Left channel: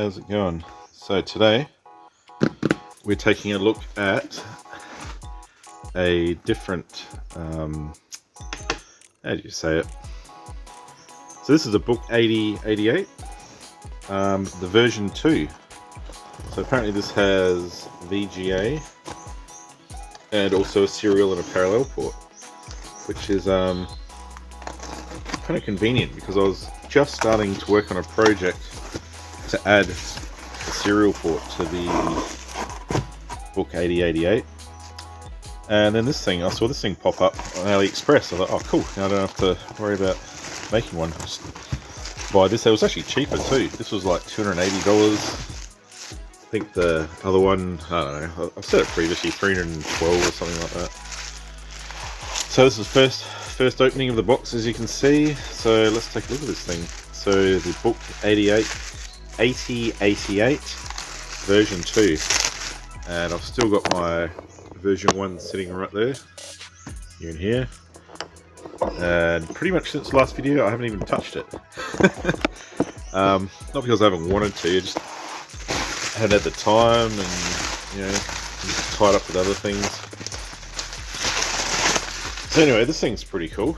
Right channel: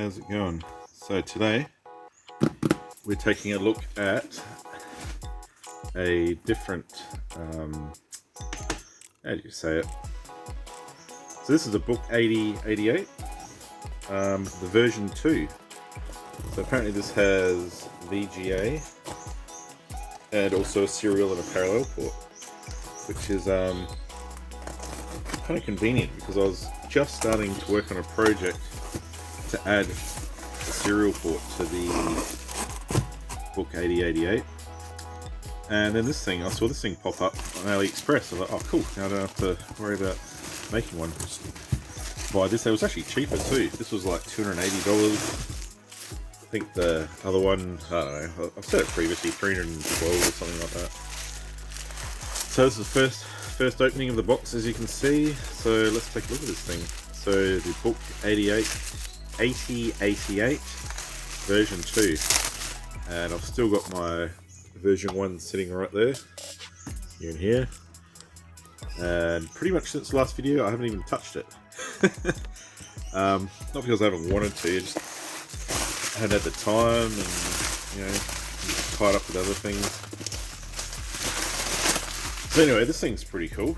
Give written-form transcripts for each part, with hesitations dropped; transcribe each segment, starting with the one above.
how's it going? So today we're taking a look at a different, how do you say it? So this is a Book 8088, the version 2. So apparently this has VGA and also a serial and a parallel port, which is kind of convenient because I was just starting to work on a project to add a serial port to the Book 8088, and then I saw this thing pop up on AliEpxress. I was like, oh cool, now I don't have to worry about making one. Just buy this. It was actually cheaper too. This was like $280. I think the other one, I don't know, I've said it previously, $312 or something like that. So this is the first opening of the box, as you can see. So let's take a look at this thing. So the Book 8088 version 2, and I've still got my version 1 sitting right there, here and here, and pretty much since the last video I haven't even touched it. Not because I haven't wanted to, just haven't had the time, and you know, just tied up with other things. So anyway, this thing's pretty cool.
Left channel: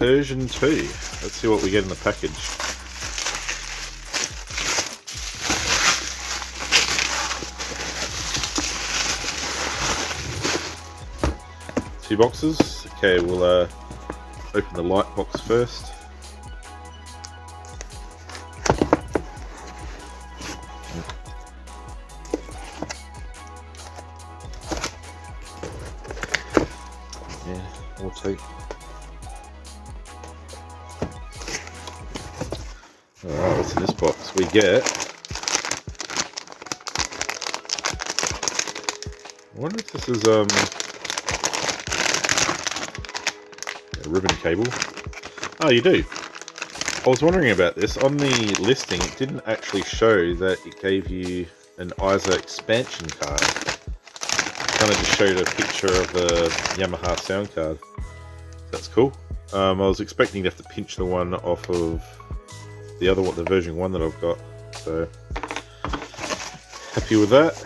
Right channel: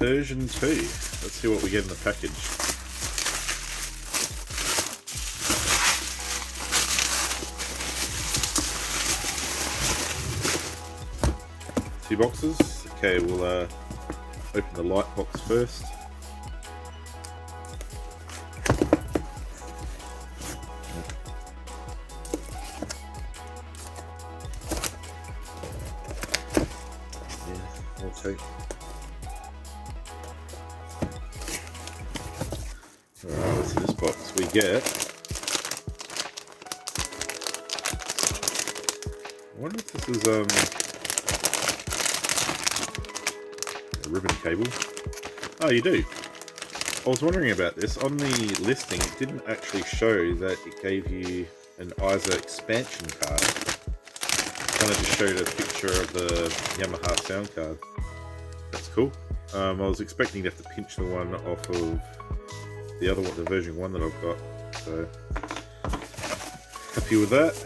Version 2. Let's see what we get in the package. Two boxes. Okay, we'll open the light box first. Yeah, auto. Alright, what's in this box? We get, I wonder if this is a ribbon cable. Oh, you do. I was wondering about this. On the listing, it didn't actually show that it gave you an ISA expansion card. It kind of just showed a picture of the Yamaha sound card. That's cool. I was expecting to have to pinch the one off of the other one, the version 1 that I've got. So happy with that.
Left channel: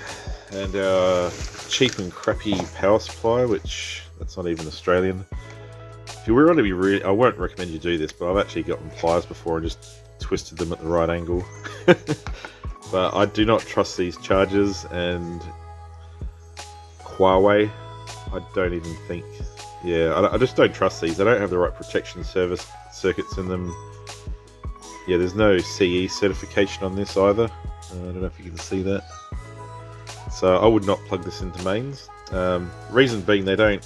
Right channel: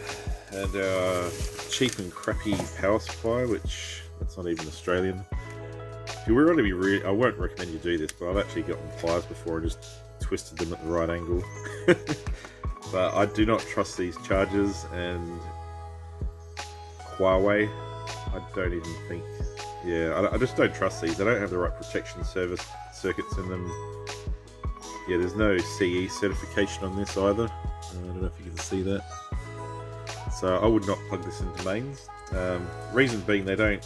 And our cheap and crappy power supply, which that's not even Australian. If you were to be really, I won't recommend you do this, but I've actually gotten pliers before and just twisted them at the right angle. But I do not trust these chargers, and Huawei, I don't even think, I just don't trust these. They don't have the right protection service circuits in them. Yeah, there's no CE certification on this either. I don't know if you can see that. So I would not plug this into mains. Reason being, they don't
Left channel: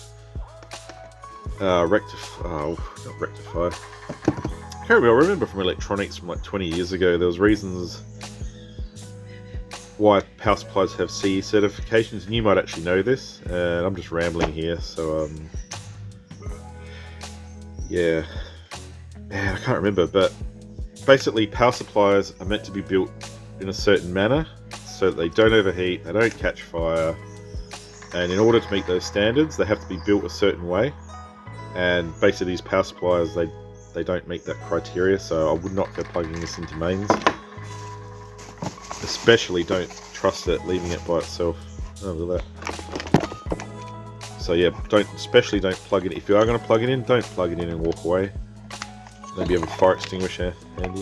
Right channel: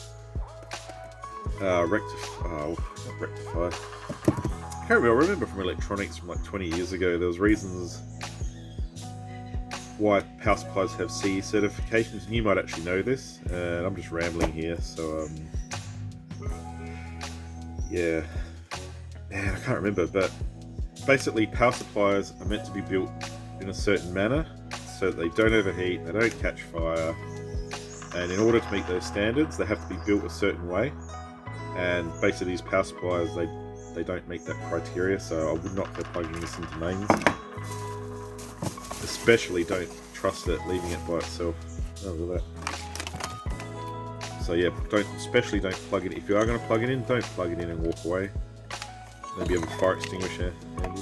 rectify. I remember from electronics from like 20 years ago, there was reasons why power supplies have CE certifications, and you might actually know this, and I'm just rambling here, so yeah, man, I can't remember, but basically power supplies are meant to be built in a certain manner so that they don't overheat, they don't catch fire, and in order to meet those standards they have to be built a certain way. And basically these power supplies, they don't meet that criteria, so I would not go plugging this into mains. Especially don't trust it leaving it by itself. Oh, look at that. So yeah, especially don't plug it. If you are going to plug it in, don't plug it in and walk away. Maybe have a fire extinguisher handy.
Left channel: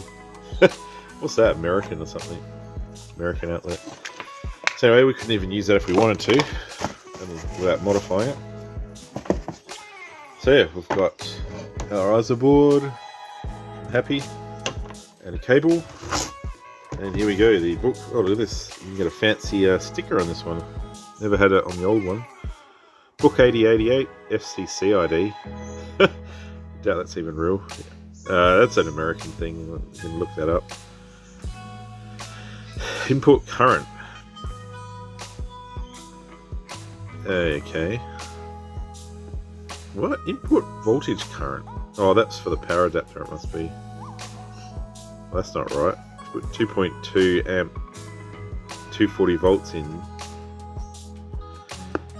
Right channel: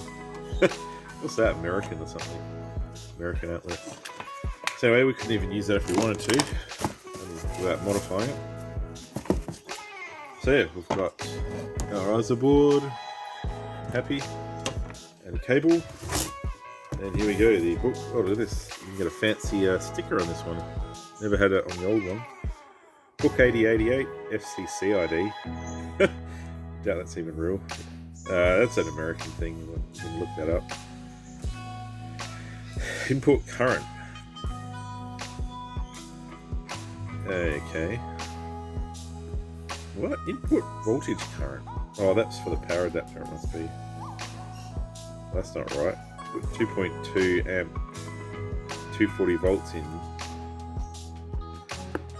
What's that, American or something? American outlet. So anyway, we couldn't even use that if we wanted to, without modifying it. So yeah, we've got our ISA board, happy, and a cable. And here we go, the book. Oh, look at this. You can get a fancy sticker on this one. Never had it on the old one. Book 8088 FCC ID. Doubt that's even real. That's an American thing. You can look that up. Input current. Okay. What? Input voltage current. Oh, that's for the power adapter, it must be. Well, that's not right. Put 2.2 amp, 240 volts in.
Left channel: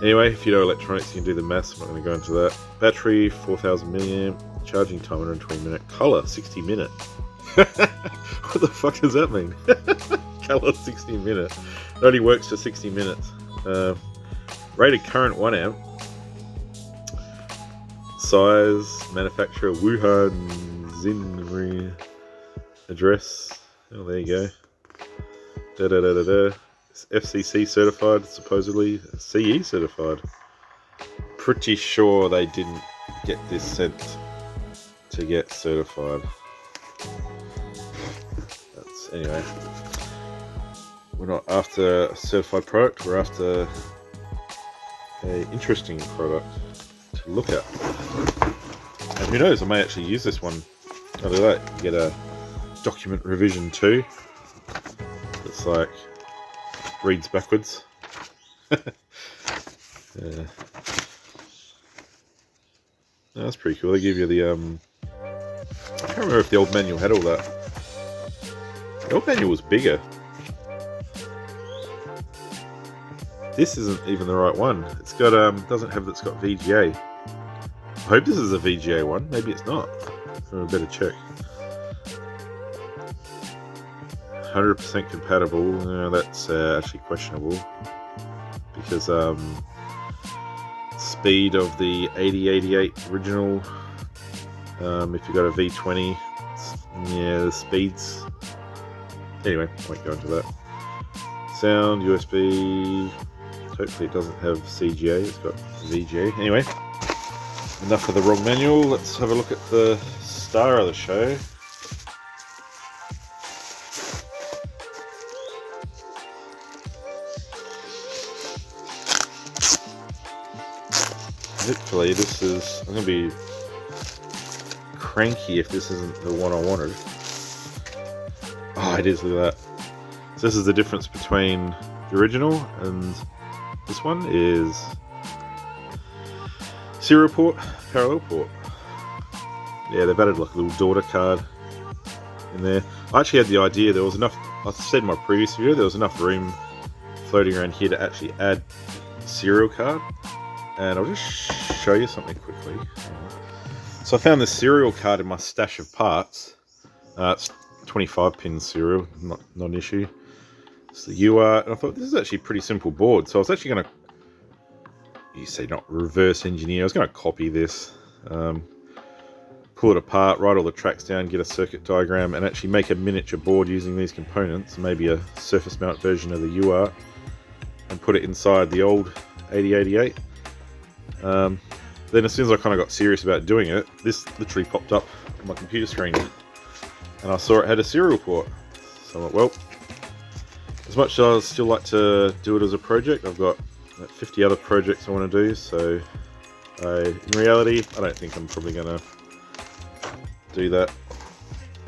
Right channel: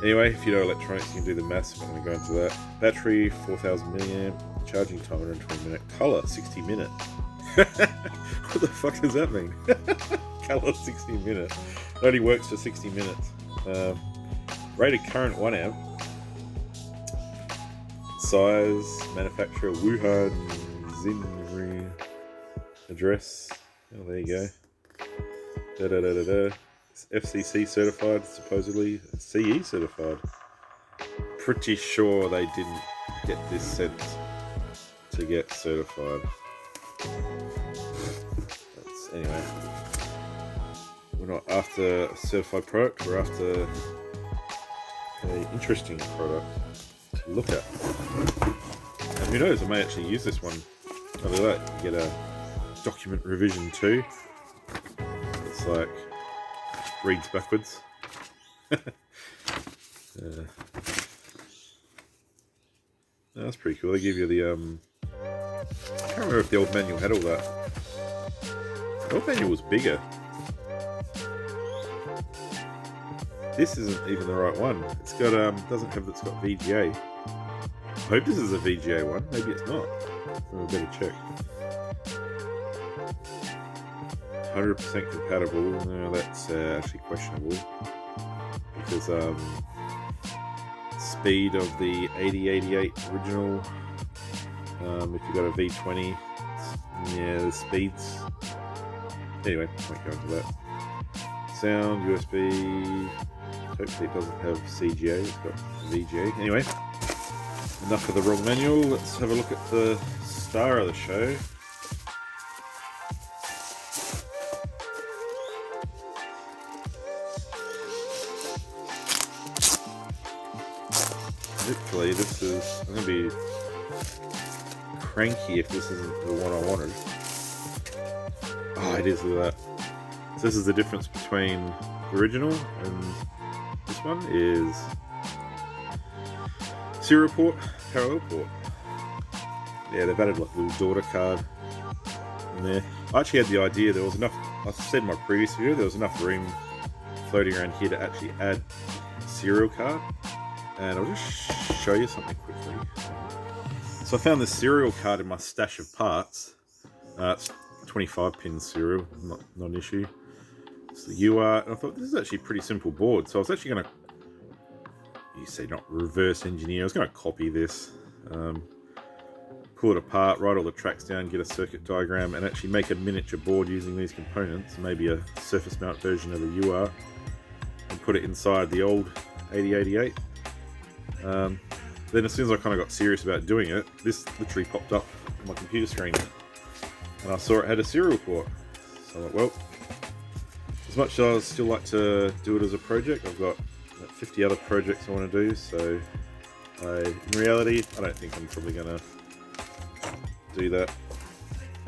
Anyway, if you know electronics, you can do the maths. I'm not going to go into that. Battery, 4000 milliamp. Charging time, 120 minute. Color, 60 minute. What the fuck does that mean? Color 60 minutes. It only works for 60 minutes. Rated current 1 amp. Size, manufacturer Wuhan, Xinri. Address. Oh, there you go. It's FCC certified, supposedly. CE certified. Pretty sure they didn't get this sent to get certified. Anyway, we're not after a certified product, we're after an interesting product to look at. And who knows, I may actually use this one. Look at that, you get a document revision 2. It's like, reads backwards. That's pretty cool. They give you the, I can't remember if the old manual had all that. The old manual was bigger. This isn't even the right one. It's got, doesn't have, it's got VGA. I hope this is a VGA one. Maybe it's not. I better check. 100% compatible. No, that's actually questionable. Because, speed of the 8088 original, if you got a V20, yeah, the speeds. Anyway, I won't go into that. Sound, USB. Hopefully it doesn't have CGA, it's got VGA. Anyway, enough of the wrong manual. Let's have a look at the star of the show. Literally, this is, I'm going to be cranky if this isn't the one I wanted. Oh, it is, look at that. So this is the difference between the original and this one is serial port, parallel port. Yeah, they've added like a little daughter card in there. I actually had the idea, there was enough, I said in my previous video, there was enough room floating around here to actually add a serial card. And I'll just show you something quickly. So I found this serial card in my stash of parts. It's 25 pin serial, not an issue. It's the UART, and I thought this is actually a pretty simple board. So I was actually going to, you say not reverse engineer, I was going to copy this, pull it apart, write all the tracks down, get a circuit diagram, and actually make a miniature board using these components, maybe a surface mount version of the UART, and put it inside the old 8088. Then as soon as I kind of got serious about doing it, this literally popped up on my computer screen and I saw it had a serial port. So I went, well, as much as I'd still like to do it as a project, I've got 50 other projects I want to do, so in reality I don't think I'm probably going to do that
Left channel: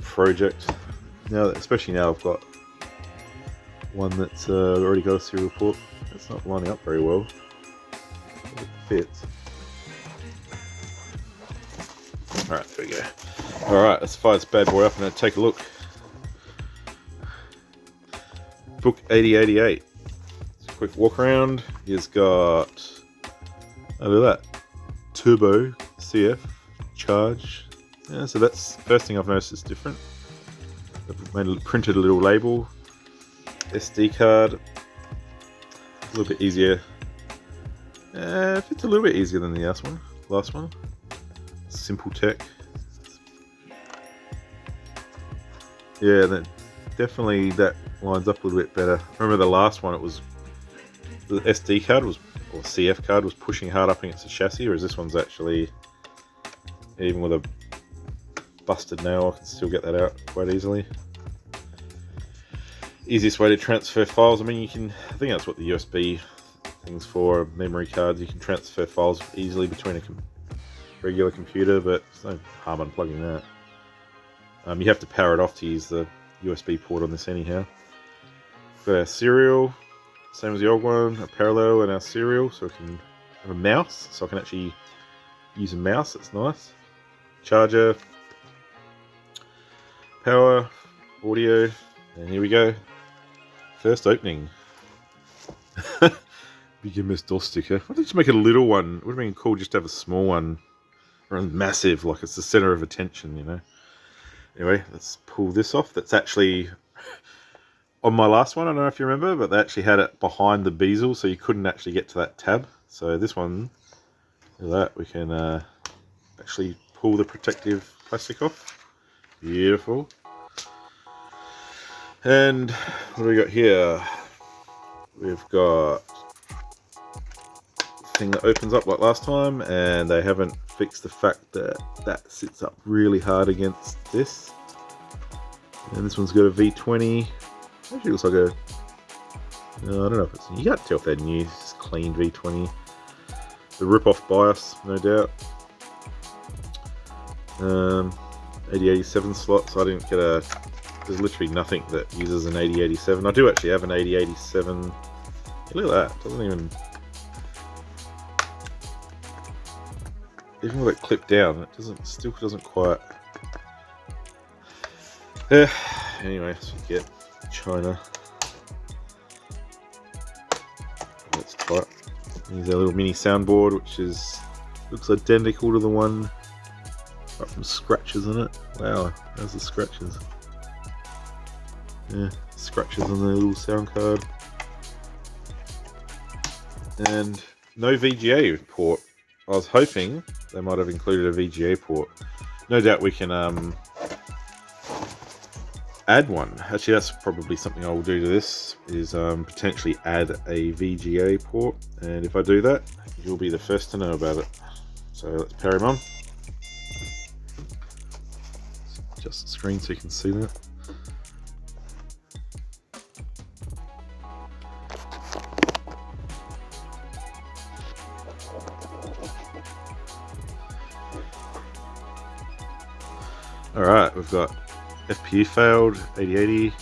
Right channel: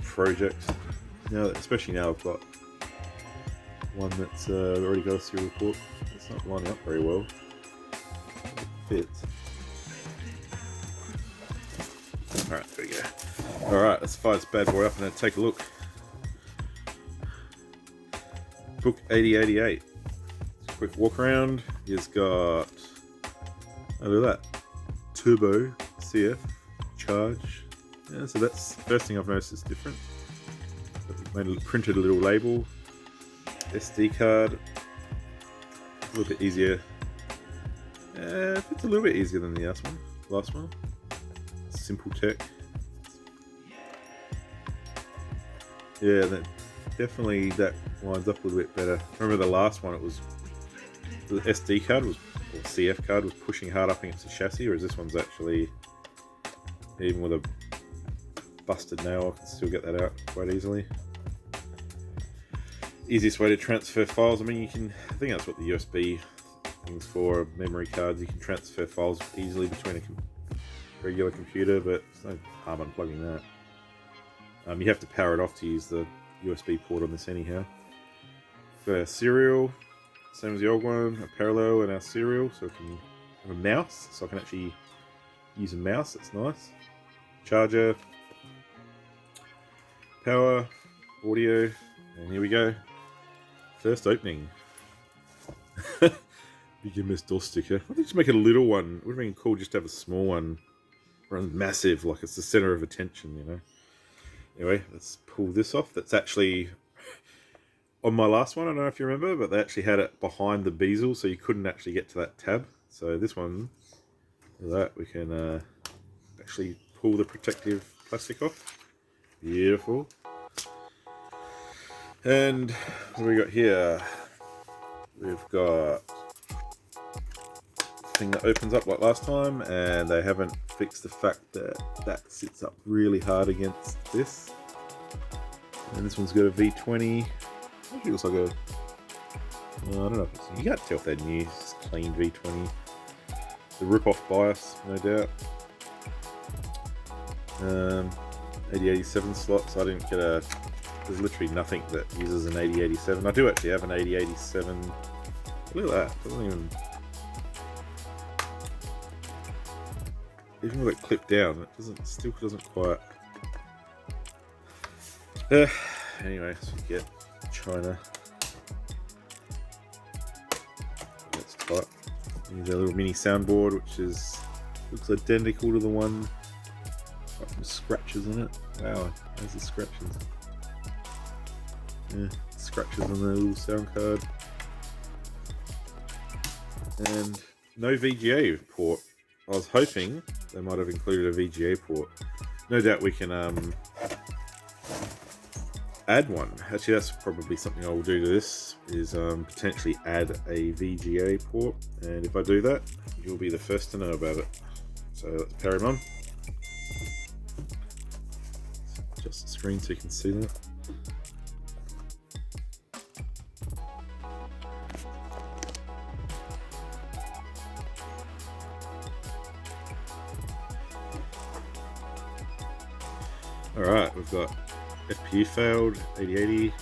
project now, especially now I've got one that's already got a serial port. It's not lining up very well. It fits. Alright, there we go. Alright, let's fire this bad boy up and take a look. Book 8088. Quick walk around. He's got, oh, look at that, turbo CF charge. Yeah, so that's the first thing I've noticed is different. Printed a little label. SD card. A little bit easier. It's a little bit easier than the last one. Simple tech. Yeah, definitely that lines up a little bit better. Remember the last one, it was the SD card was, or CF card was pushing hard up against the chassis, whereas this one's actually, even with a busted nail, I can still get that out quite easily. Easiest way to transfer files, I mean, you can, I think that's what the USB thing's for, memory cards. You can transfer files easily between a regular computer, but there's no harm unplugging that. You have to power it off to use the USB port on this anyhow. Got our serial, same as the old one, a parallel and our serial, so I can have a mouse, so I can actually use a mouse, that's nice. Charger, power, audio, and here we go. First opening. Big MS DOS sticker. Why did you make a little one? It would have been cool just to have a small one. Or massive, like it's the center of attention, you know. Anyway, let's pull this off. That's actually on my last one, I don't know if you remember, but they actually had it behind the bezel, so you couldn't actually get to that tab. So this one, look at that, we can actually pull the protective plastic off. Beautiful. And what do we got here? We've got a thing that opens up like last time, and they haven't fixed the fact that that sits up really hard against this. And this one's got a V20. Actually looks like a... No, I don't know if it's... You can't tell if they're new. It's clean V20. The rip-off BIOS, no doubt. 8087 slots. I didn't get a... There's literally nothing that uses an 8087. I do actually have an 8087. Look at that. It doesn't even with it clipped down, it still doesn't quite. Anyway, let's forget China. That's tight. Here's our little mini soundboard, which looks identical to the one. Got some scratches in it. Wow, there's the scratches. Yeah, scratches on the little sound card. And no VGA port. I was hoping they might have included a VGA port. No doubt we can add one. Actually, that's probably something I will do to this, is potentially add a VGA port. And if I do that, you'll be the first to know about it. So let's power him on. Just the screen so you can see that. Alright, we've got FPU failed, 8080.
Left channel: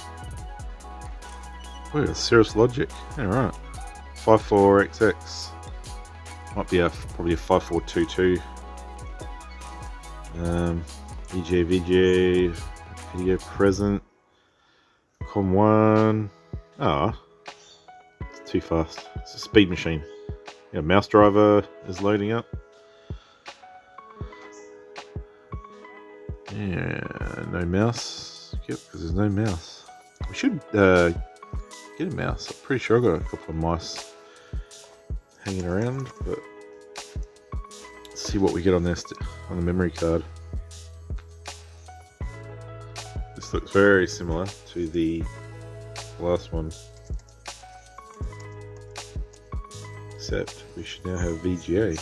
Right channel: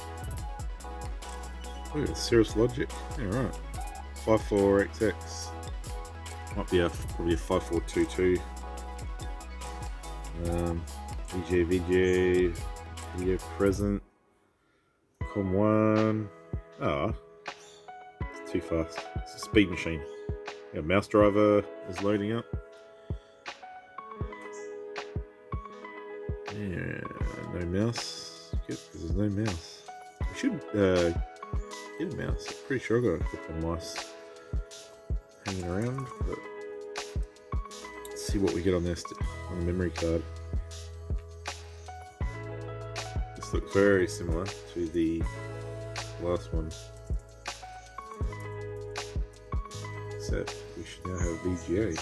Oh, Cirrus Logic. Alright. 54XX. Might be probably a 5422. EGA VGA, video present. COM1. Ah, it's too fast. It's a speed machine. Yeah, mouse driver is loading up. Yeah, no mouse. Yep, because there's no mouse. We should get a mouse. I'm pretty sure I got a couple of mice hanging around, but let's see what we get on this on the memory card. This looks very similar to the last one, except we should now have VGA.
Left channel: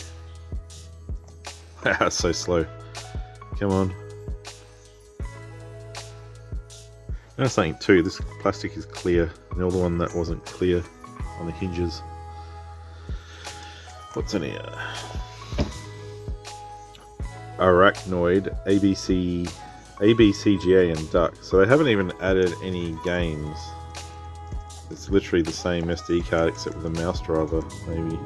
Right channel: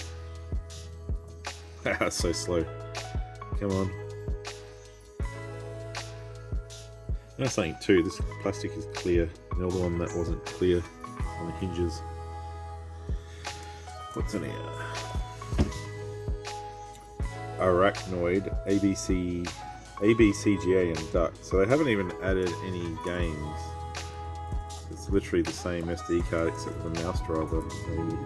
That's so slow. Come on. That's something too, this plastic is clear. The other one that wasn't clear on the hinges. What's in here? Arachnoid, ABCGA and Duck. So they haven't even added any games. It's literally the same SD card except with a mouse driver, maybe.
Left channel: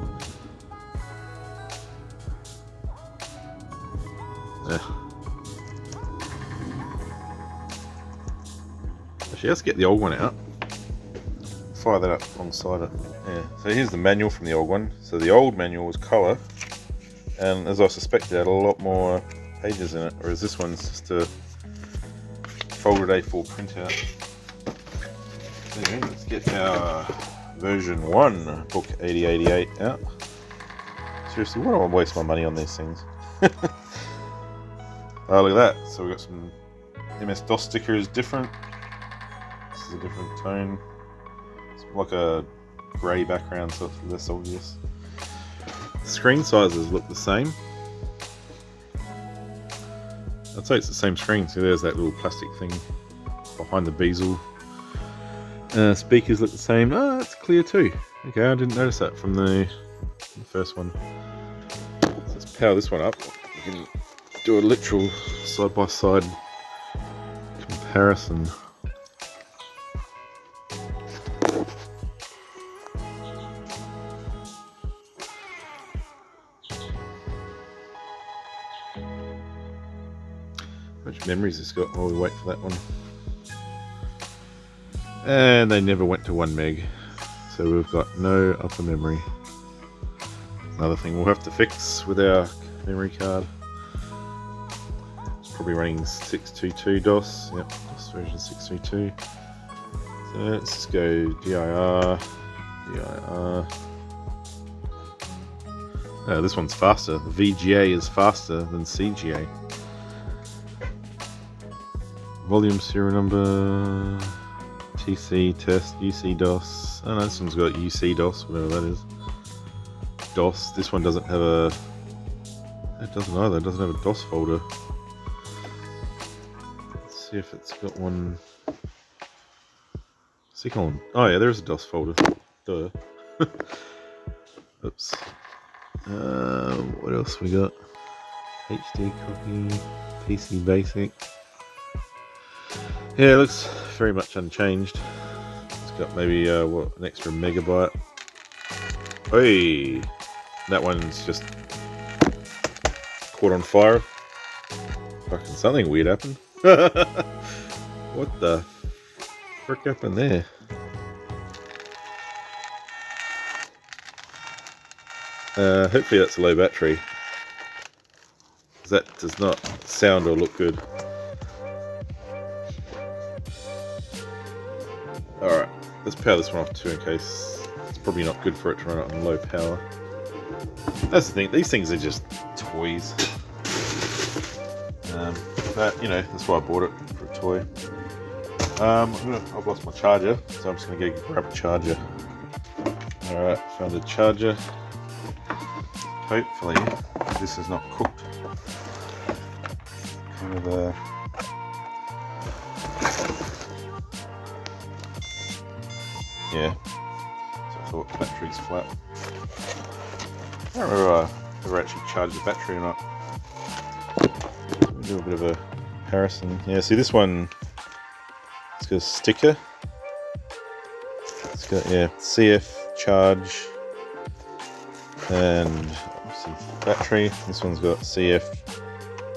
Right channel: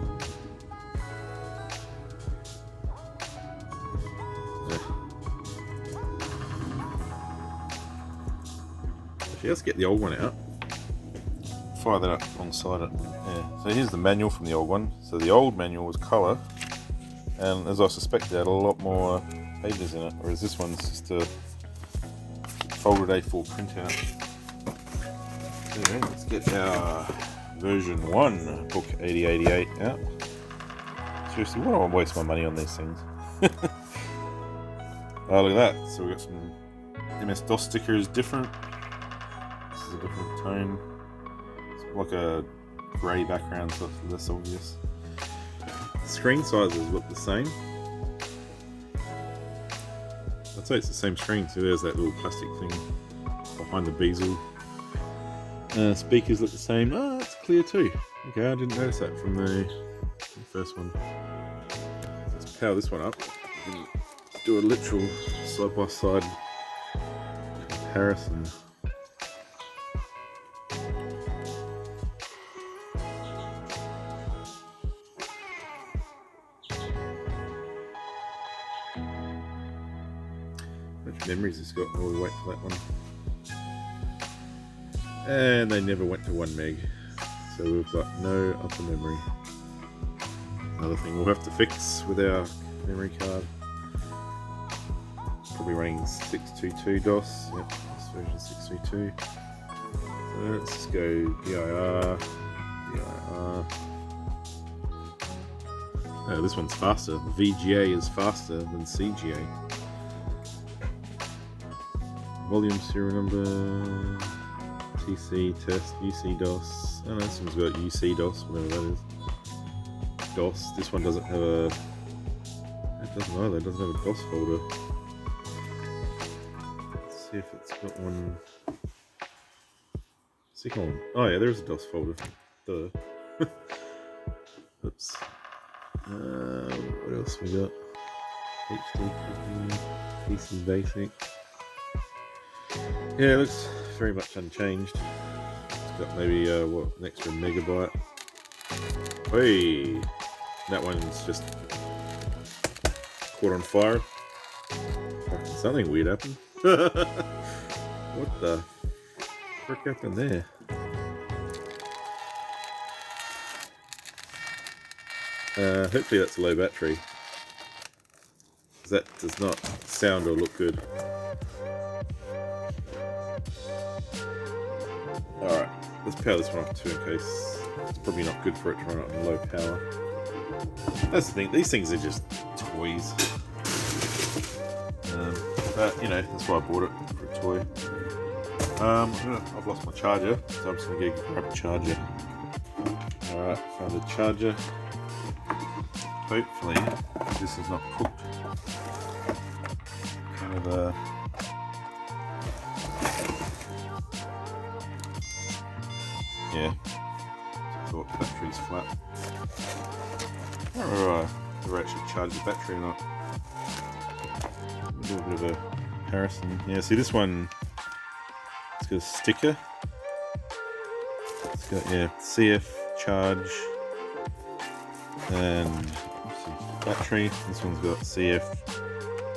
Let's get the old one out. Fire that up alongside it. Yeah. So here's the manual from the old one. So the old manual was colour, and as I suspected, it had a lot more pages in it, whereas this one's just a folded A4 printout. So yeah, let's get our version 1 book 8088 out. Seriously, why do I waste my money on these things? Oh, look at that. So we've got some MS-DOS stickers different. This is a different tone. It's like a grey background, so it's less obvious. The screen sizes look the same. I'd say it's the same screen, so there's that little plastic thing behind the bezel. Speakers look the same. Oh, it's clear too. Okay, I didn't notice that from the first one. So let's power this one up. We can do a literal side-by-side comparison. How much memories it's got while we wait for that one. And they never went to 1 meg, so we've got no upper memory. Another thing we'll have to fix with our memory card. probably running 622 DOS. Yep, DOS version 622. So let's just go dir. Oh, this one's faster. The VGA is faster than CGA. Volume serial number, TC test, UC DOS. Oh no, this one's got UC DOS, whatever that is. DOS. This one doesn't have a. It doesn't either. It doesn't have a DOS folder. Let's see if it's got one. Second one. Oh yeah, there's a DOS folder. Duh. Oops. What else we got? HD copy, PC basic. Yeah, it looks very much unchanged. It's got maybe what, an extra megabyte. Hey, that one's just caught on fire. Fucking something weird happened. What the frick happened there? Hopefully that's a low battery, because that does not sound or look good. Alright, let's power this one off too, in case it's probably not good for it to run it on low power. That's the thing, these things are just toys. But, you know, that's why I bought it, for a toy. I've lost my charger, so I'm just going to go grab a charger. Alright, found the charger. Hopefully this is not cooked. Kind of a yeah. So the battery's flat. I don't remember if I actually charged the battery or not. Do a bit of a comparison. Yeah, see this one. It's got a sticker. It's got CF charge and battery. This one's got CF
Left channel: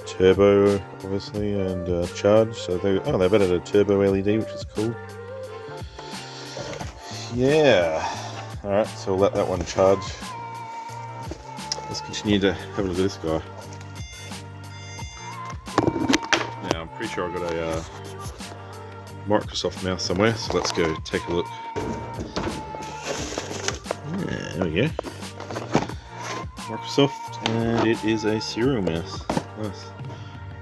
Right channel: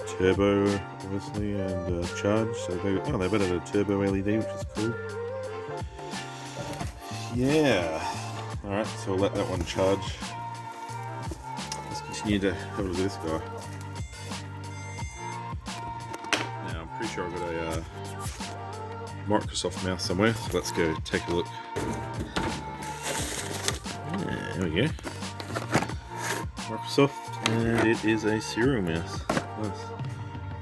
turbo, obviously, and charge. So they've added a turbo LED, which is cool. Yeah. All right, so we'll let that one charge. Let's continue to have a look at this guy. Now I'm pretty sure I've got a Microsoft mouse somewhere, so let's go take a look. Yeah, there we go. Microsoft, and it is a serial mouse. Nice.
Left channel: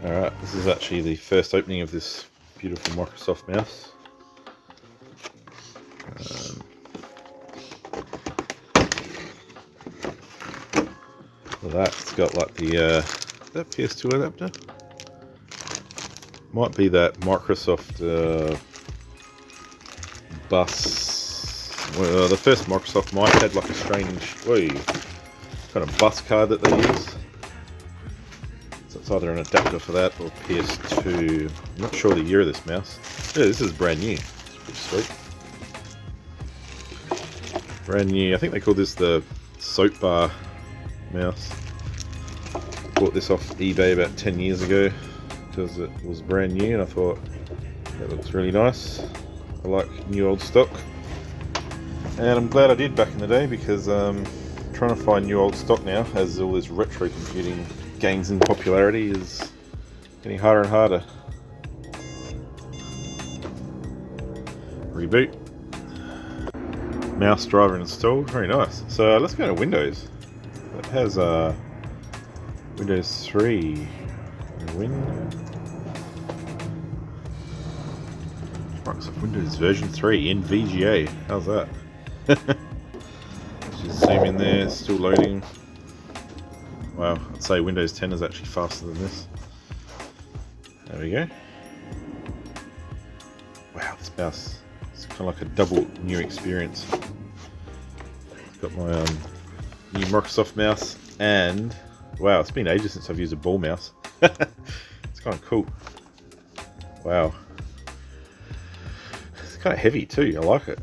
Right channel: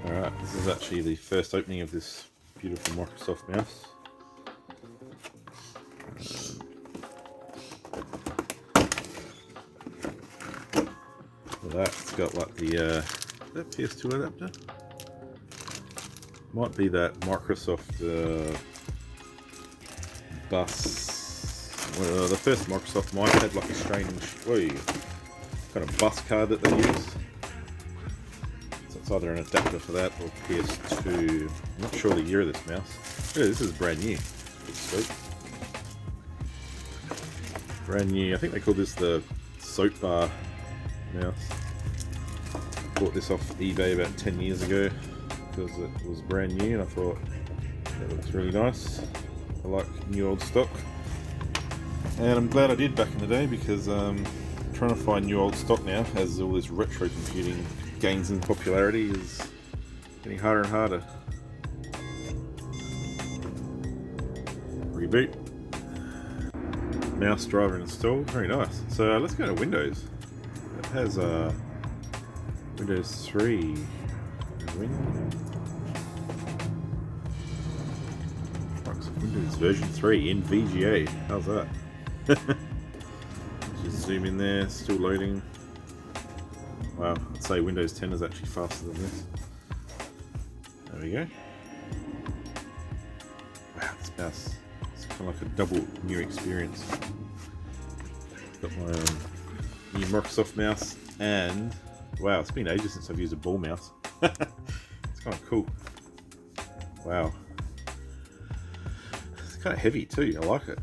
Alright, this is actually the first opening of this beautiful Microsoft mouse. Well, that's got like the that PS2 adapter. Might be that Microsoft bus. Well, the first Microsoft mic had like a strange kind of bus card that they use. So it's either an adapter for that or PS2. I'm not sure the year of this mouse. Yeah, this is brand new. Pretty sweet. Brand new. I think they call this the soap bar mouse. Bought this off eBay about 10 years ago because it was brand new and I thought it looks really nice. I like new old stock. And I'm glad I did back in the day, because trying to find new old stock now, as all this retro computing gains in popularity, is getting harder and harder. Reboot. Mouse driver installed. Very nice. So let's go to Windows. It has Windows 3. Microsoft Windows version 3 in VGA. How's that? Just zoom in there, still loading. Wow, I'd say Windows 10 is actually faster than this. There we go. Wow, this mouse is kind of like a double new experience. Got my new Microsoft mouse, and wow, it's been ages since I've used a ball mouse. It's kind of cool. Wow. It's kind of heavy too, I like it.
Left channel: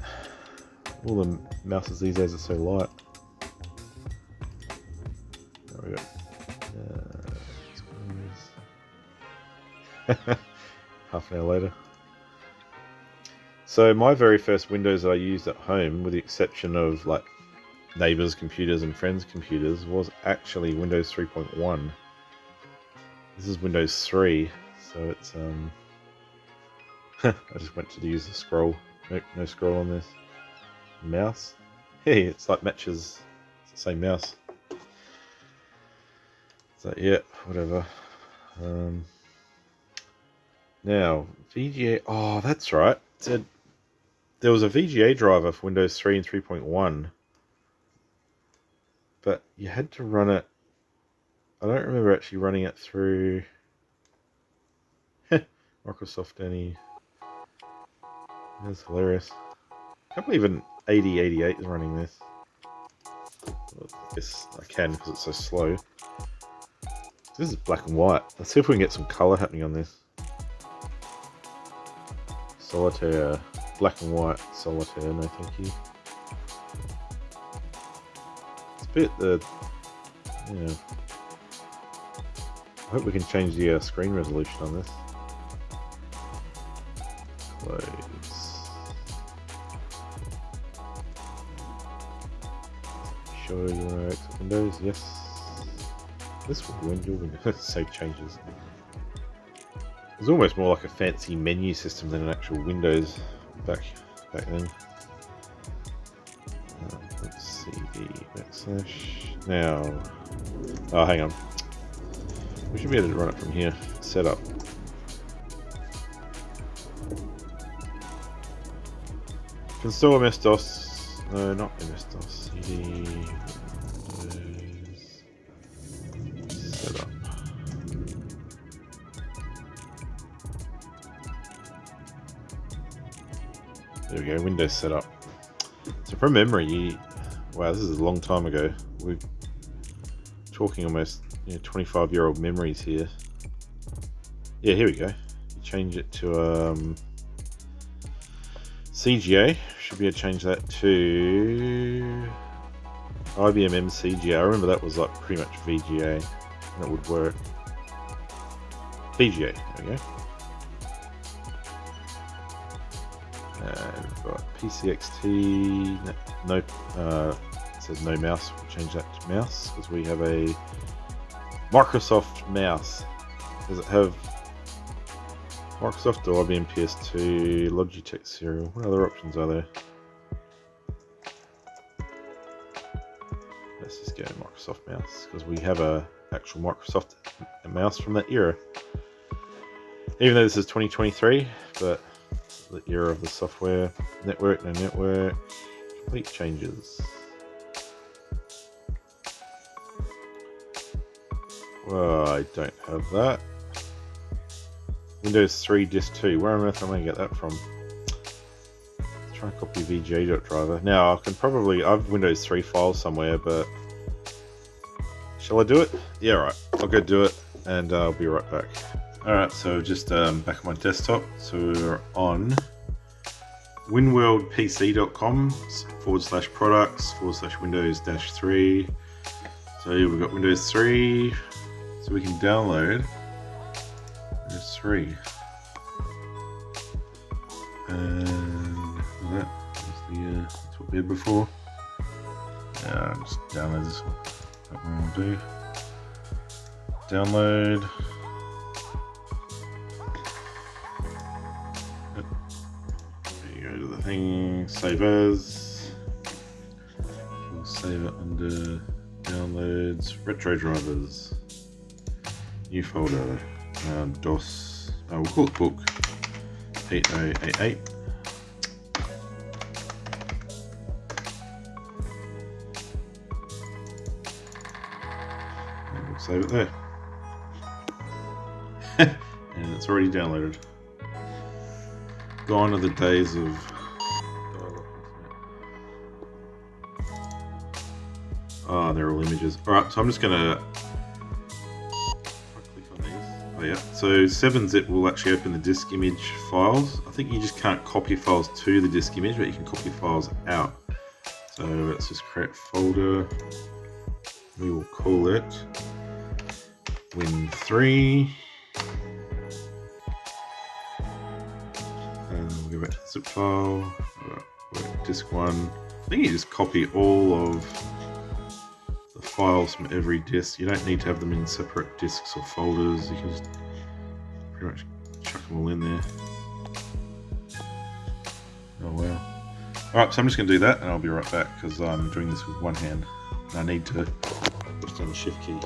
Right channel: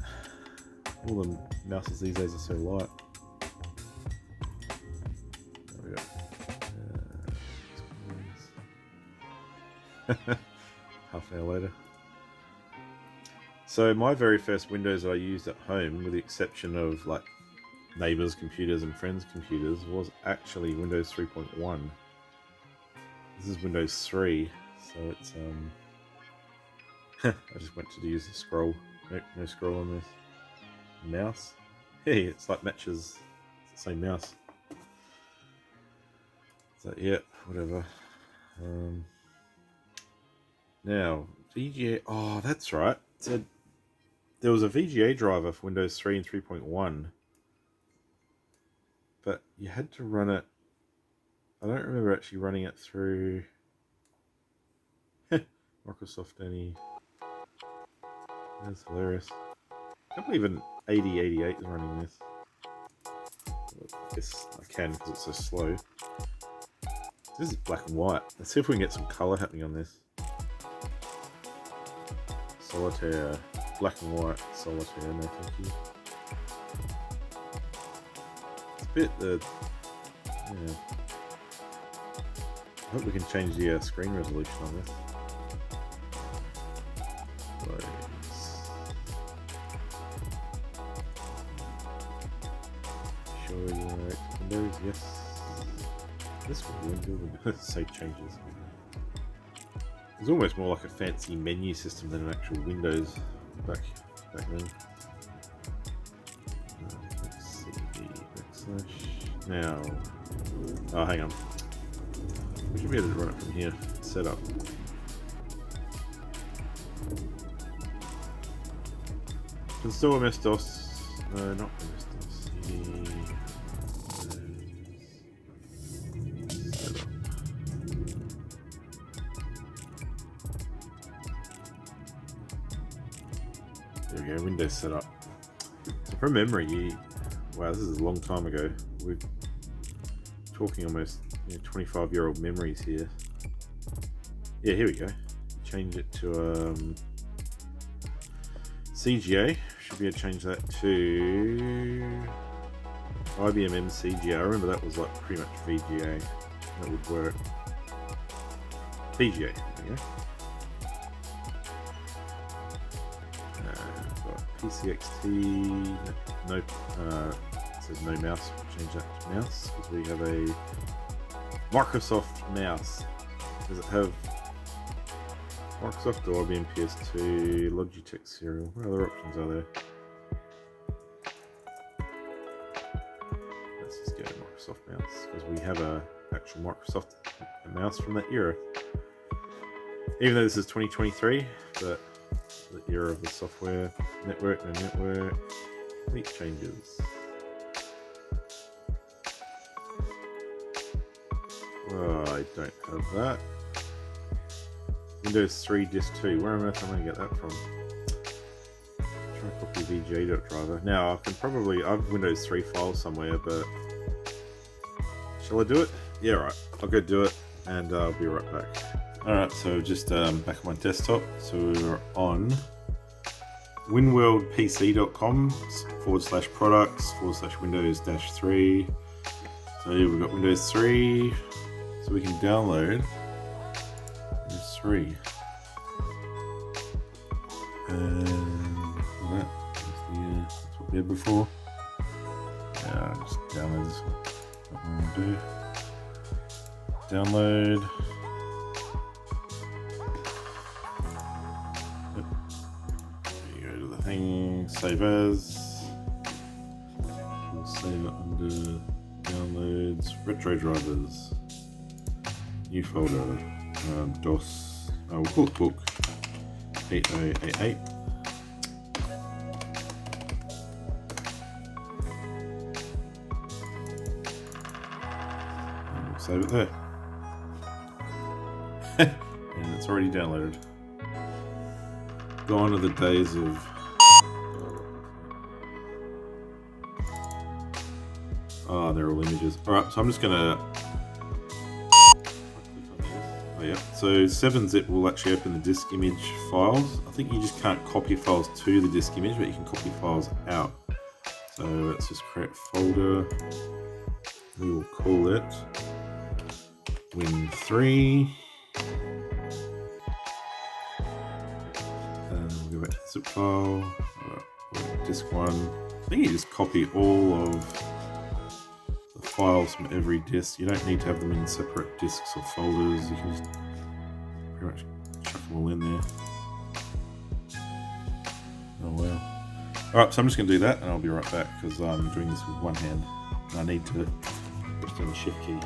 All the mouses these days are so light. There we go. Half an hour later. So my very first Windows I used at home, with the exception of like neighbors' computers and friends' computers, was actually Windows 3.1. This is Windows 3. So it's I just went to use the scroll. Nope, no scroll on this. Mouse. Hey, it's like matches. It's the same mouse. So yeah, whatever. Now VGA. Oh, that's right. So there was a VGA driver for Windows 3 and 3.1, but you had to run it. I don't remember actually running it through Microsoft any. That's hilarious. I can't believe an 8088 is running this. Well, I guess I can because it's so slow. This is black and white. Let's see if we can get some color happening on this. Solitaire, black and white, solitaire, no thank you. It's a bit, yeah. I hope we can change the screen resolution on this. Please. Show your Windows, yes. This window, save changes. It's almost more like a fancy menu system than an actual Windows back then. Let's see the backslash. Now, oh, hang on. We should be able to run it from here. Setup. Install MS-DOS. No, not MS-DOS. CD. Setup. There we go. Windows setup. So from memory, wow, this is a long time ago. We're talking almost 25-year-old memories here. Yeah, here we go. Change it to CGA. Should be able to change that to IBM CGA. I remember that was like pretty much VGA. That would work. VGA. There we go. We've got PCXT. No, it says no mouse. We'll change that to mouse because we have a Microsoft mouse. Does it have Microsoft or IBM PS2, Logitech serial? What other options are there? Let's just go to Microsoft mouse because we have a actual Microsoft mouse from that era. Even though this is 2023, but the era of the software, network, no network, complete changes. Well, I don't have that. Windows 3 disk 2. Where on earth am I going to get that from? Try and copy VGA driver. Now I can probably. I have Windows 3 files somewhere, but shall I do it? Yeah, right. I'll go do it, and I'll be right back. Alright, so just back on my desktop. So we're on winworldpc.com/products/Windows-3. So here we've got Windows 3. So we can download Windows 3. And that's what we had before. Yeah, just download this one. That's what I'm going to do. Download. Yep. There you go to the thing. Save as. We'll save it under downloads. Retro drivers. New folder. DOS. We'll call it book 8088. And we'll save it there. And it's already downloaded. Gone are the days of they're all images. Alright, so I'm just gonna click on these. Oh yeah. So 7-zip will actually open the disk image files. I think you just can't copy files to the disk image, but you can copy files out. So let's just create a folder. We will call it Win3. And we'll go back to the zip file. Disk 1. I think you just copy all of the files from every disk. You don't need to have them in separate disks or folders. You can just pretty much chuck them all in there. Oh wow. Alright, so I'm just going to do that and I'll be right back because I'm doing this with one hand and I need to push down the shift key.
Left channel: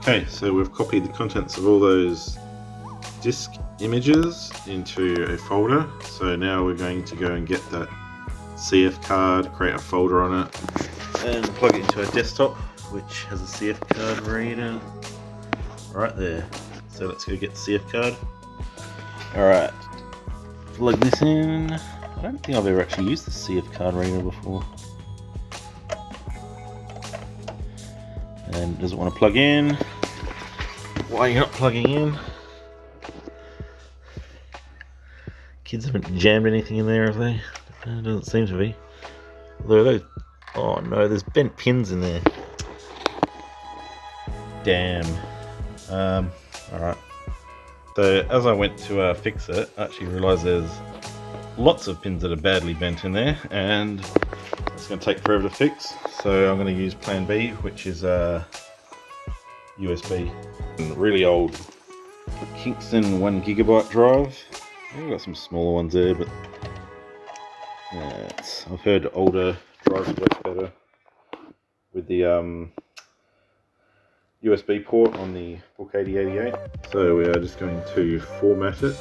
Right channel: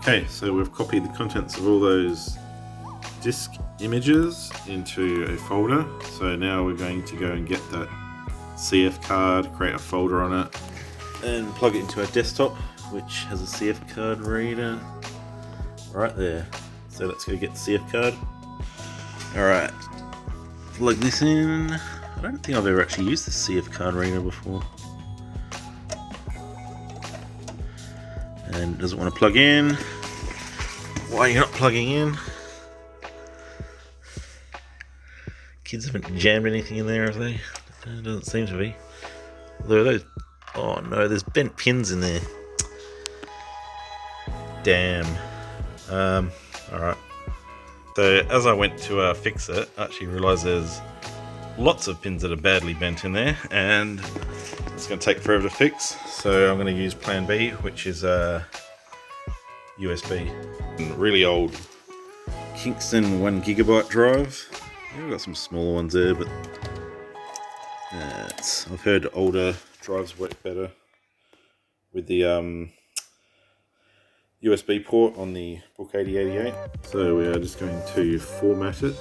Okay, so we've copied the contents of all those disk images into a folder. So now we're going to go and get that CF card, create a folder on it, and plug it into our desktop, which has a CF card reader right there. So let's go get the CF card. Alright, plug this in. I don't think I've ever actually used the CF card reader before. And it doesn't want to plug in. Why are you not plugging in? Kids haven't jammed anything in there, have they? It doesn't seem to be. Although those... Oh no, there's bent pins in there. Damn. Alright. So as I went to fix it, I actually realised there's lots of pins that are badly bent in there, and it's going to take forever to fix. So I'm going to use plan B, which is USB. A really old Kingston 1GB drive. I've got some smaller ones there, but I've heard older drives work better with the USB port on the Book 8088. So we are just going to format it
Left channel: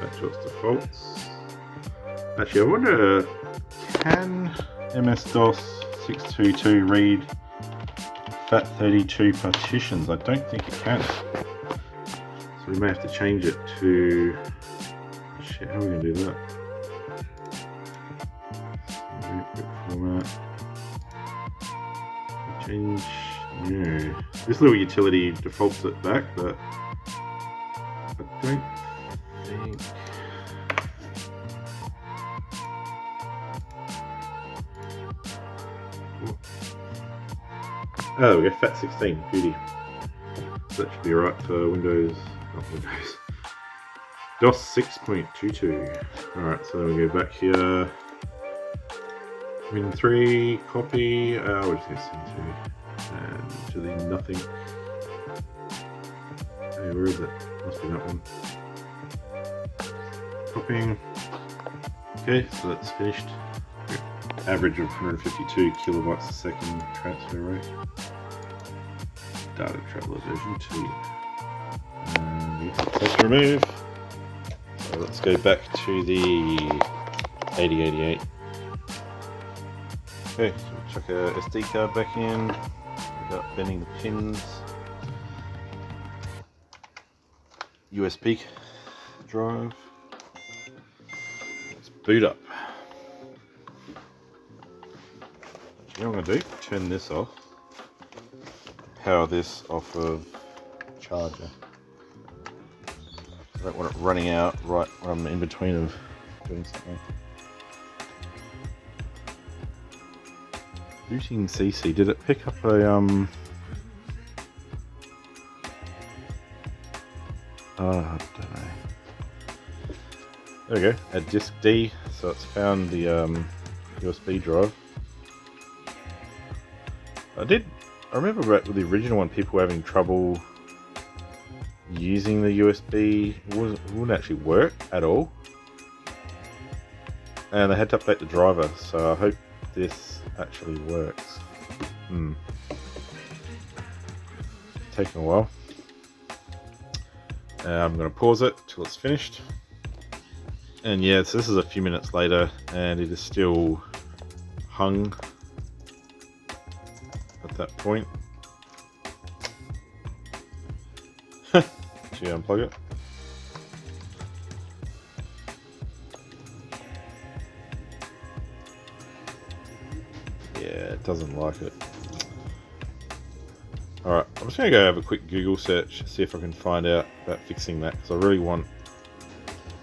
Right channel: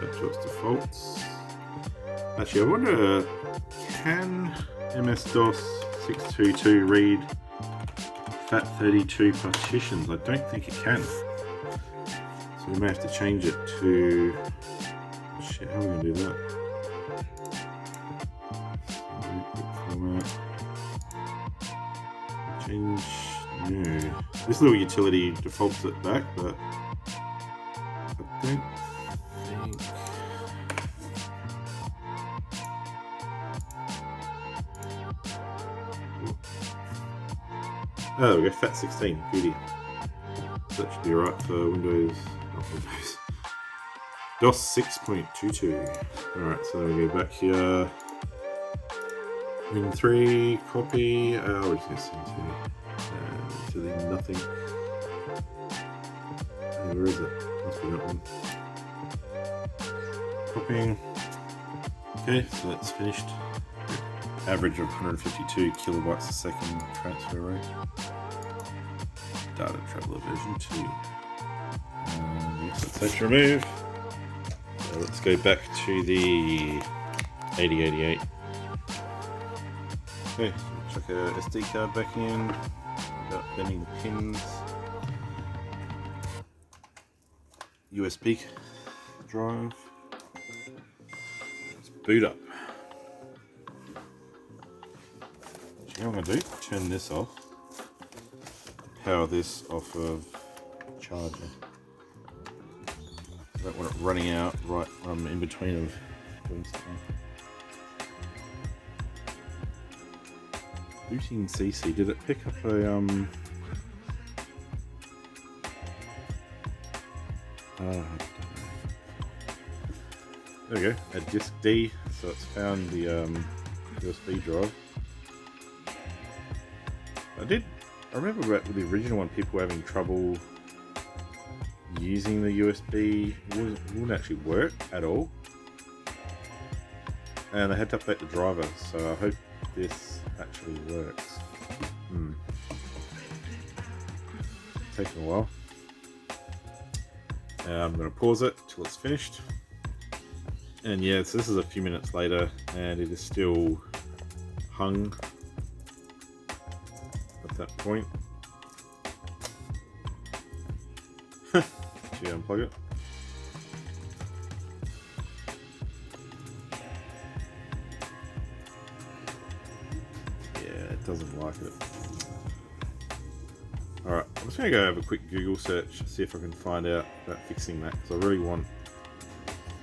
back to its defaults. Actually, I wonder, can MS-DOS 622 read FAT32 partitions? I don't think it can. So we may have to change it to... Shit, how are we going to do that? Format. Change new. This little utility defaults it back, but I don't think... Oh, there we go, FAT16, beauty. So that should be right for Windows, not Windows. DOS 6.22. Alright, so we go back here. Win3, copy, we're just going to send to, and to the nothing. Hey, where is it? Must be that one. Copying. Okay, so that's finished. Average of 152 kilobytes a second transfer rate. Data Traveler version 2. And let's remove. So let's go back to the 8088. Okay, so we'll chuck a SD card back in without bending the pins. USB drive. Let's boot up. You know what I'm going to do? Turn this off. Power this off of charger. I don't want it running out right when I'm in between of doing something. Booting CC, did it pick up a I don't know. There we go, a disk D, so it's found the USB drive. I remember back with the original one, people were having trouble using the USB. It wouldn't actually work at all. And they had to update the driver, so I hope this actually works. Taking a while. I'm going to pause it till it's finished. And yeah, so this is a few minutes later, and it is still hung at that point. Should we unplug it? Yeah, it doesn't like it. Alright, I'm just going to go have a quick Google search, see if I can find out about fixing that, because I really want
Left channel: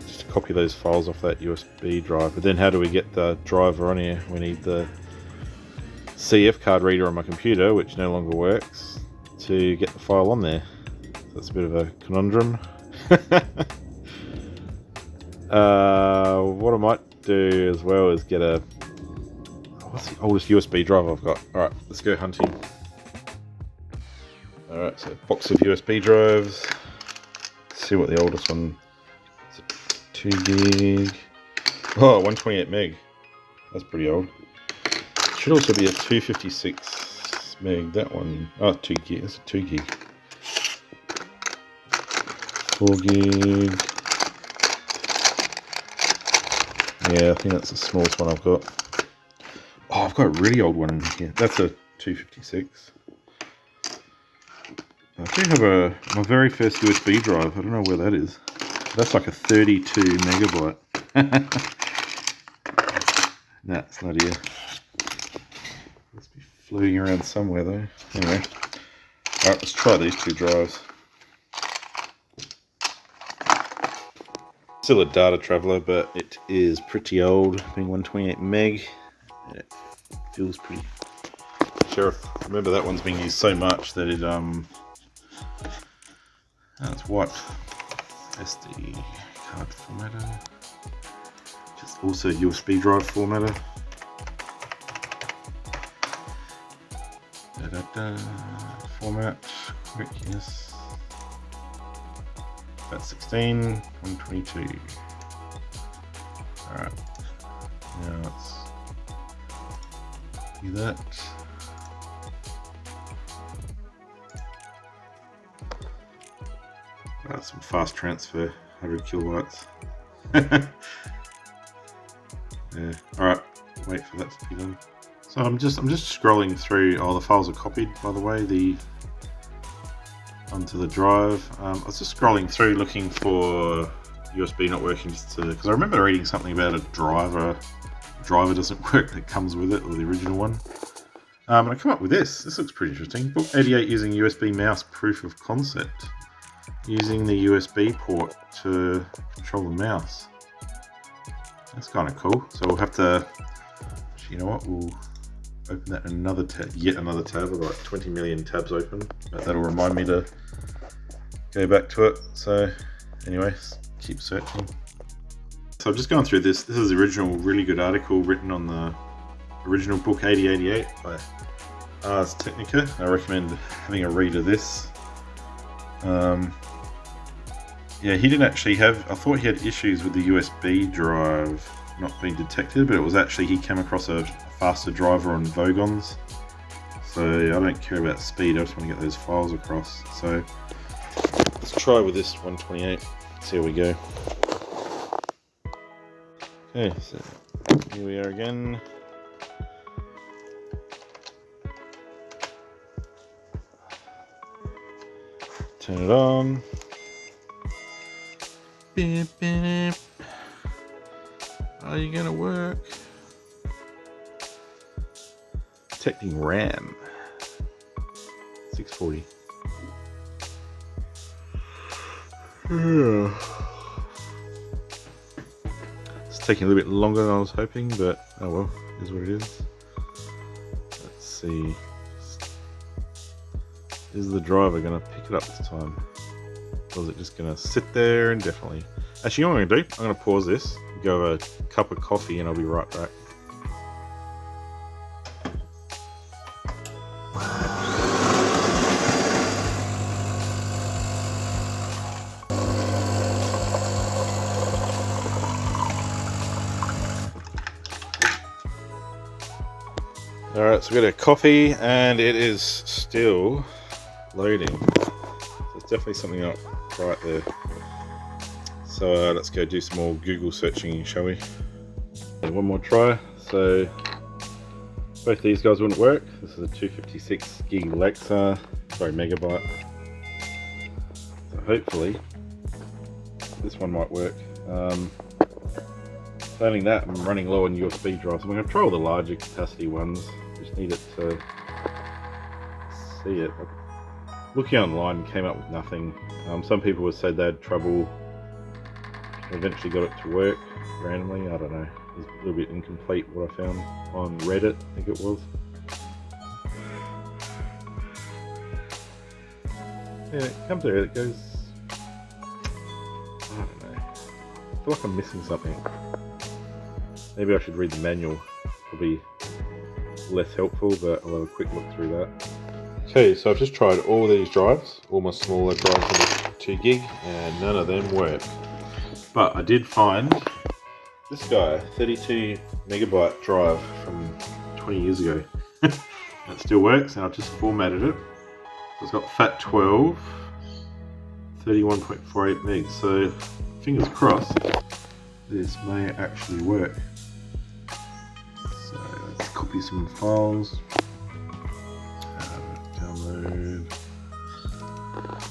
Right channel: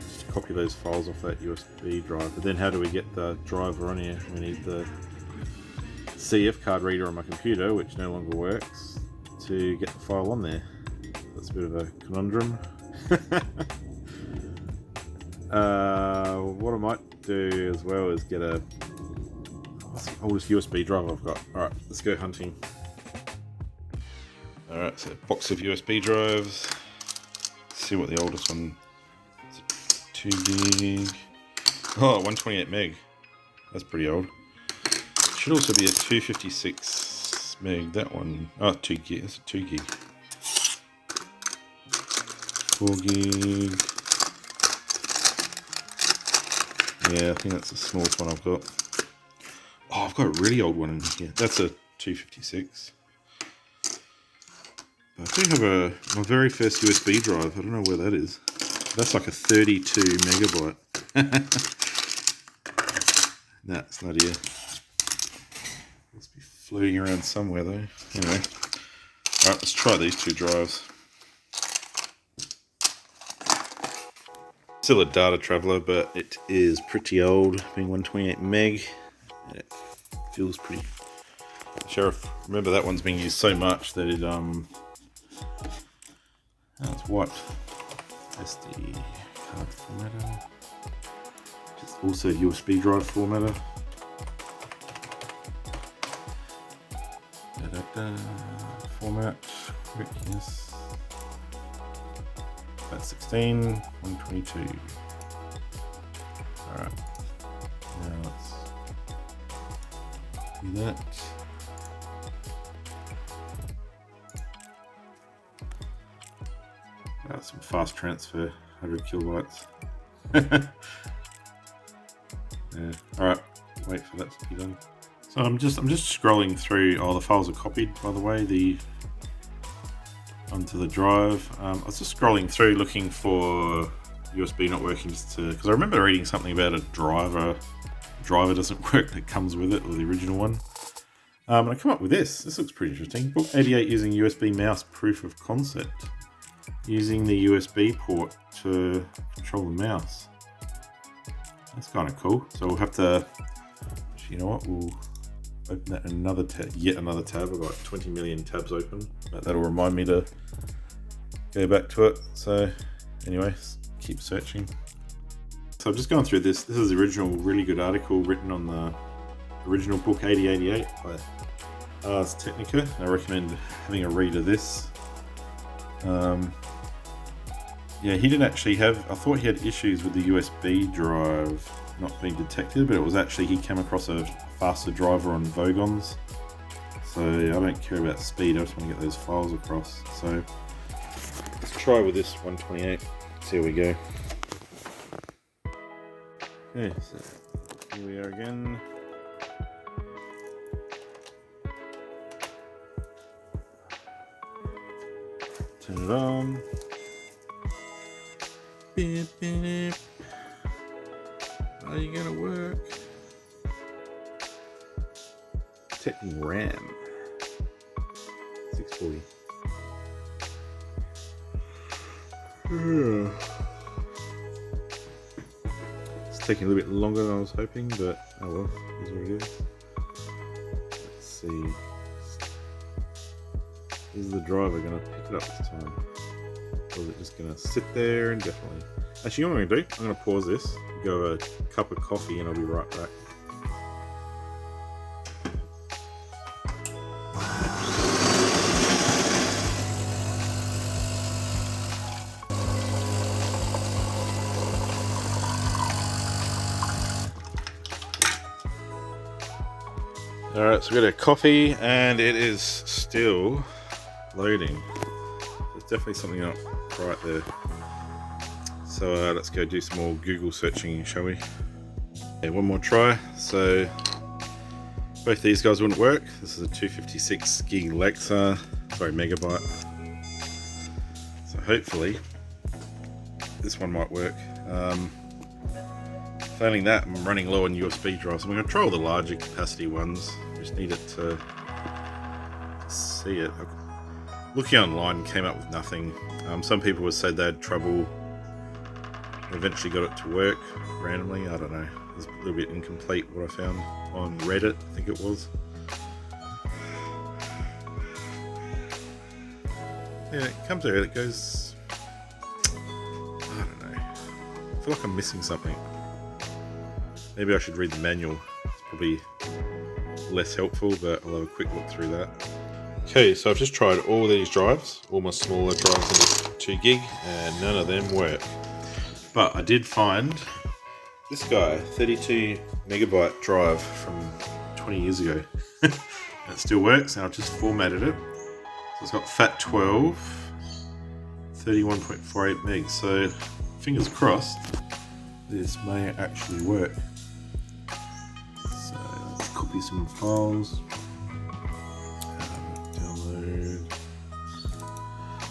just to copy those files off that USB drive. But then how do we get the driver on here? We need the CF card reader on my computer, which no longer works, to get the file on there. That's a bit of a conundrum. What I might do as well is get what's the oldest USB drive I've got? Alright, let's go hunting. Alright, so box of USB drives. Let's see what the oldest one is. 2 gig. Oh, 128 meg. That's pretty old. Should also be a 256 meg. That one. Oh, 2 gig. That's a 2 gig. 4 gig. Yeah, I think that's the smallest one I've got. Oh, I've got a really old one in here. That's a 256. I do have my very first USB drive. I don't know where that is. That's like a 32 megabyte. Nah, it's not here. Must be floating around somewhere though. Anyway, alright, let's try these 2 drives. Still a data traveler, but it is pretty old, being 128 meg. And it feels pretty. Sheriff, remember that one's being used so much that it it's wiped. SD card formatter. Just also USB drive formatter. Format, quick, yes. That's 16, 122. Alright. Now let's do that. Some fast transfer, 100 kilobytes. Yeah. Alright, wait for that to be done. So I'm just scrolling through. Oh, the files are copied, by the way, onto the drive. I was just scrolling through looking for USB not working, because I remember reading something about a driver. The driver doesn't work that comes with it, or the original one. And I come up with this. This looks pretty interesting. Book 88 using USB mouse proof of concept. Using the USB port to control the mouse. That's kind of cool. So we'll have to, you know what, we'll open that in another tab, yet another tab. I've got like 20 million tabs open, but that'll remind me to go back to it. So anyway, keep searching. So I've just gone through this. This is the original really good article written on the original book 8088 by Ars Technica. I recommend having a read of this. Yeah, he didn't actually have, I thought he had issues with the USB drive not being detected, but it was actually, he came across a faster driver on Vogons. So I don't care about speed, I just want to get those files across. So let's try with this 128, see how we go. Okay, so here we are again. Turn it on. Beep, beep. Are you gonna work? Detecting RAM. 640. It's taking a little bit longer than I was hoping, but oh well, is what it is. Let's see. Is the driver gonna pick it up this time? Or is it just gonna sit there indefinitely? Actually, you know what I'm gonna do? I'm gonna pause this, go have a cup of coffee, and I'll be right back. Alright, so we got a coffee, and it is still loading. There's definitely something up right there. So let's go do some more Google searching, shall we? Okay, one more try. So both these guys wouldn't work. This is a 256 gig Lexa, sorry, megabyte. So hopefully this one might work. Failing that, I'm running low on USB drives. I'm going to try all the larger capacity ones. Just need it to see it. Looking online, came up with nothing. Some people would say they had trouble. Eventually got it to work randomly. I don't know. It's a little bit incomplete what I found on Reddit, I think it was. Yeah, it comes there. It goes. I don't know. I feel like I'm missing something. Maybe I should read the manual. It's probably less helpful, but I'll have a quick look through that. Okay, so I've just tried all these drives, all my smaller drives in this 2 gig, and none of them work. But I did find this guy, 32 megabyte drive from 20 years ago. It still works, and I've just formatted it. So it's got FAT12, 31.48 megs. So fingers crossed, this may actually work. So let's copy some files. Download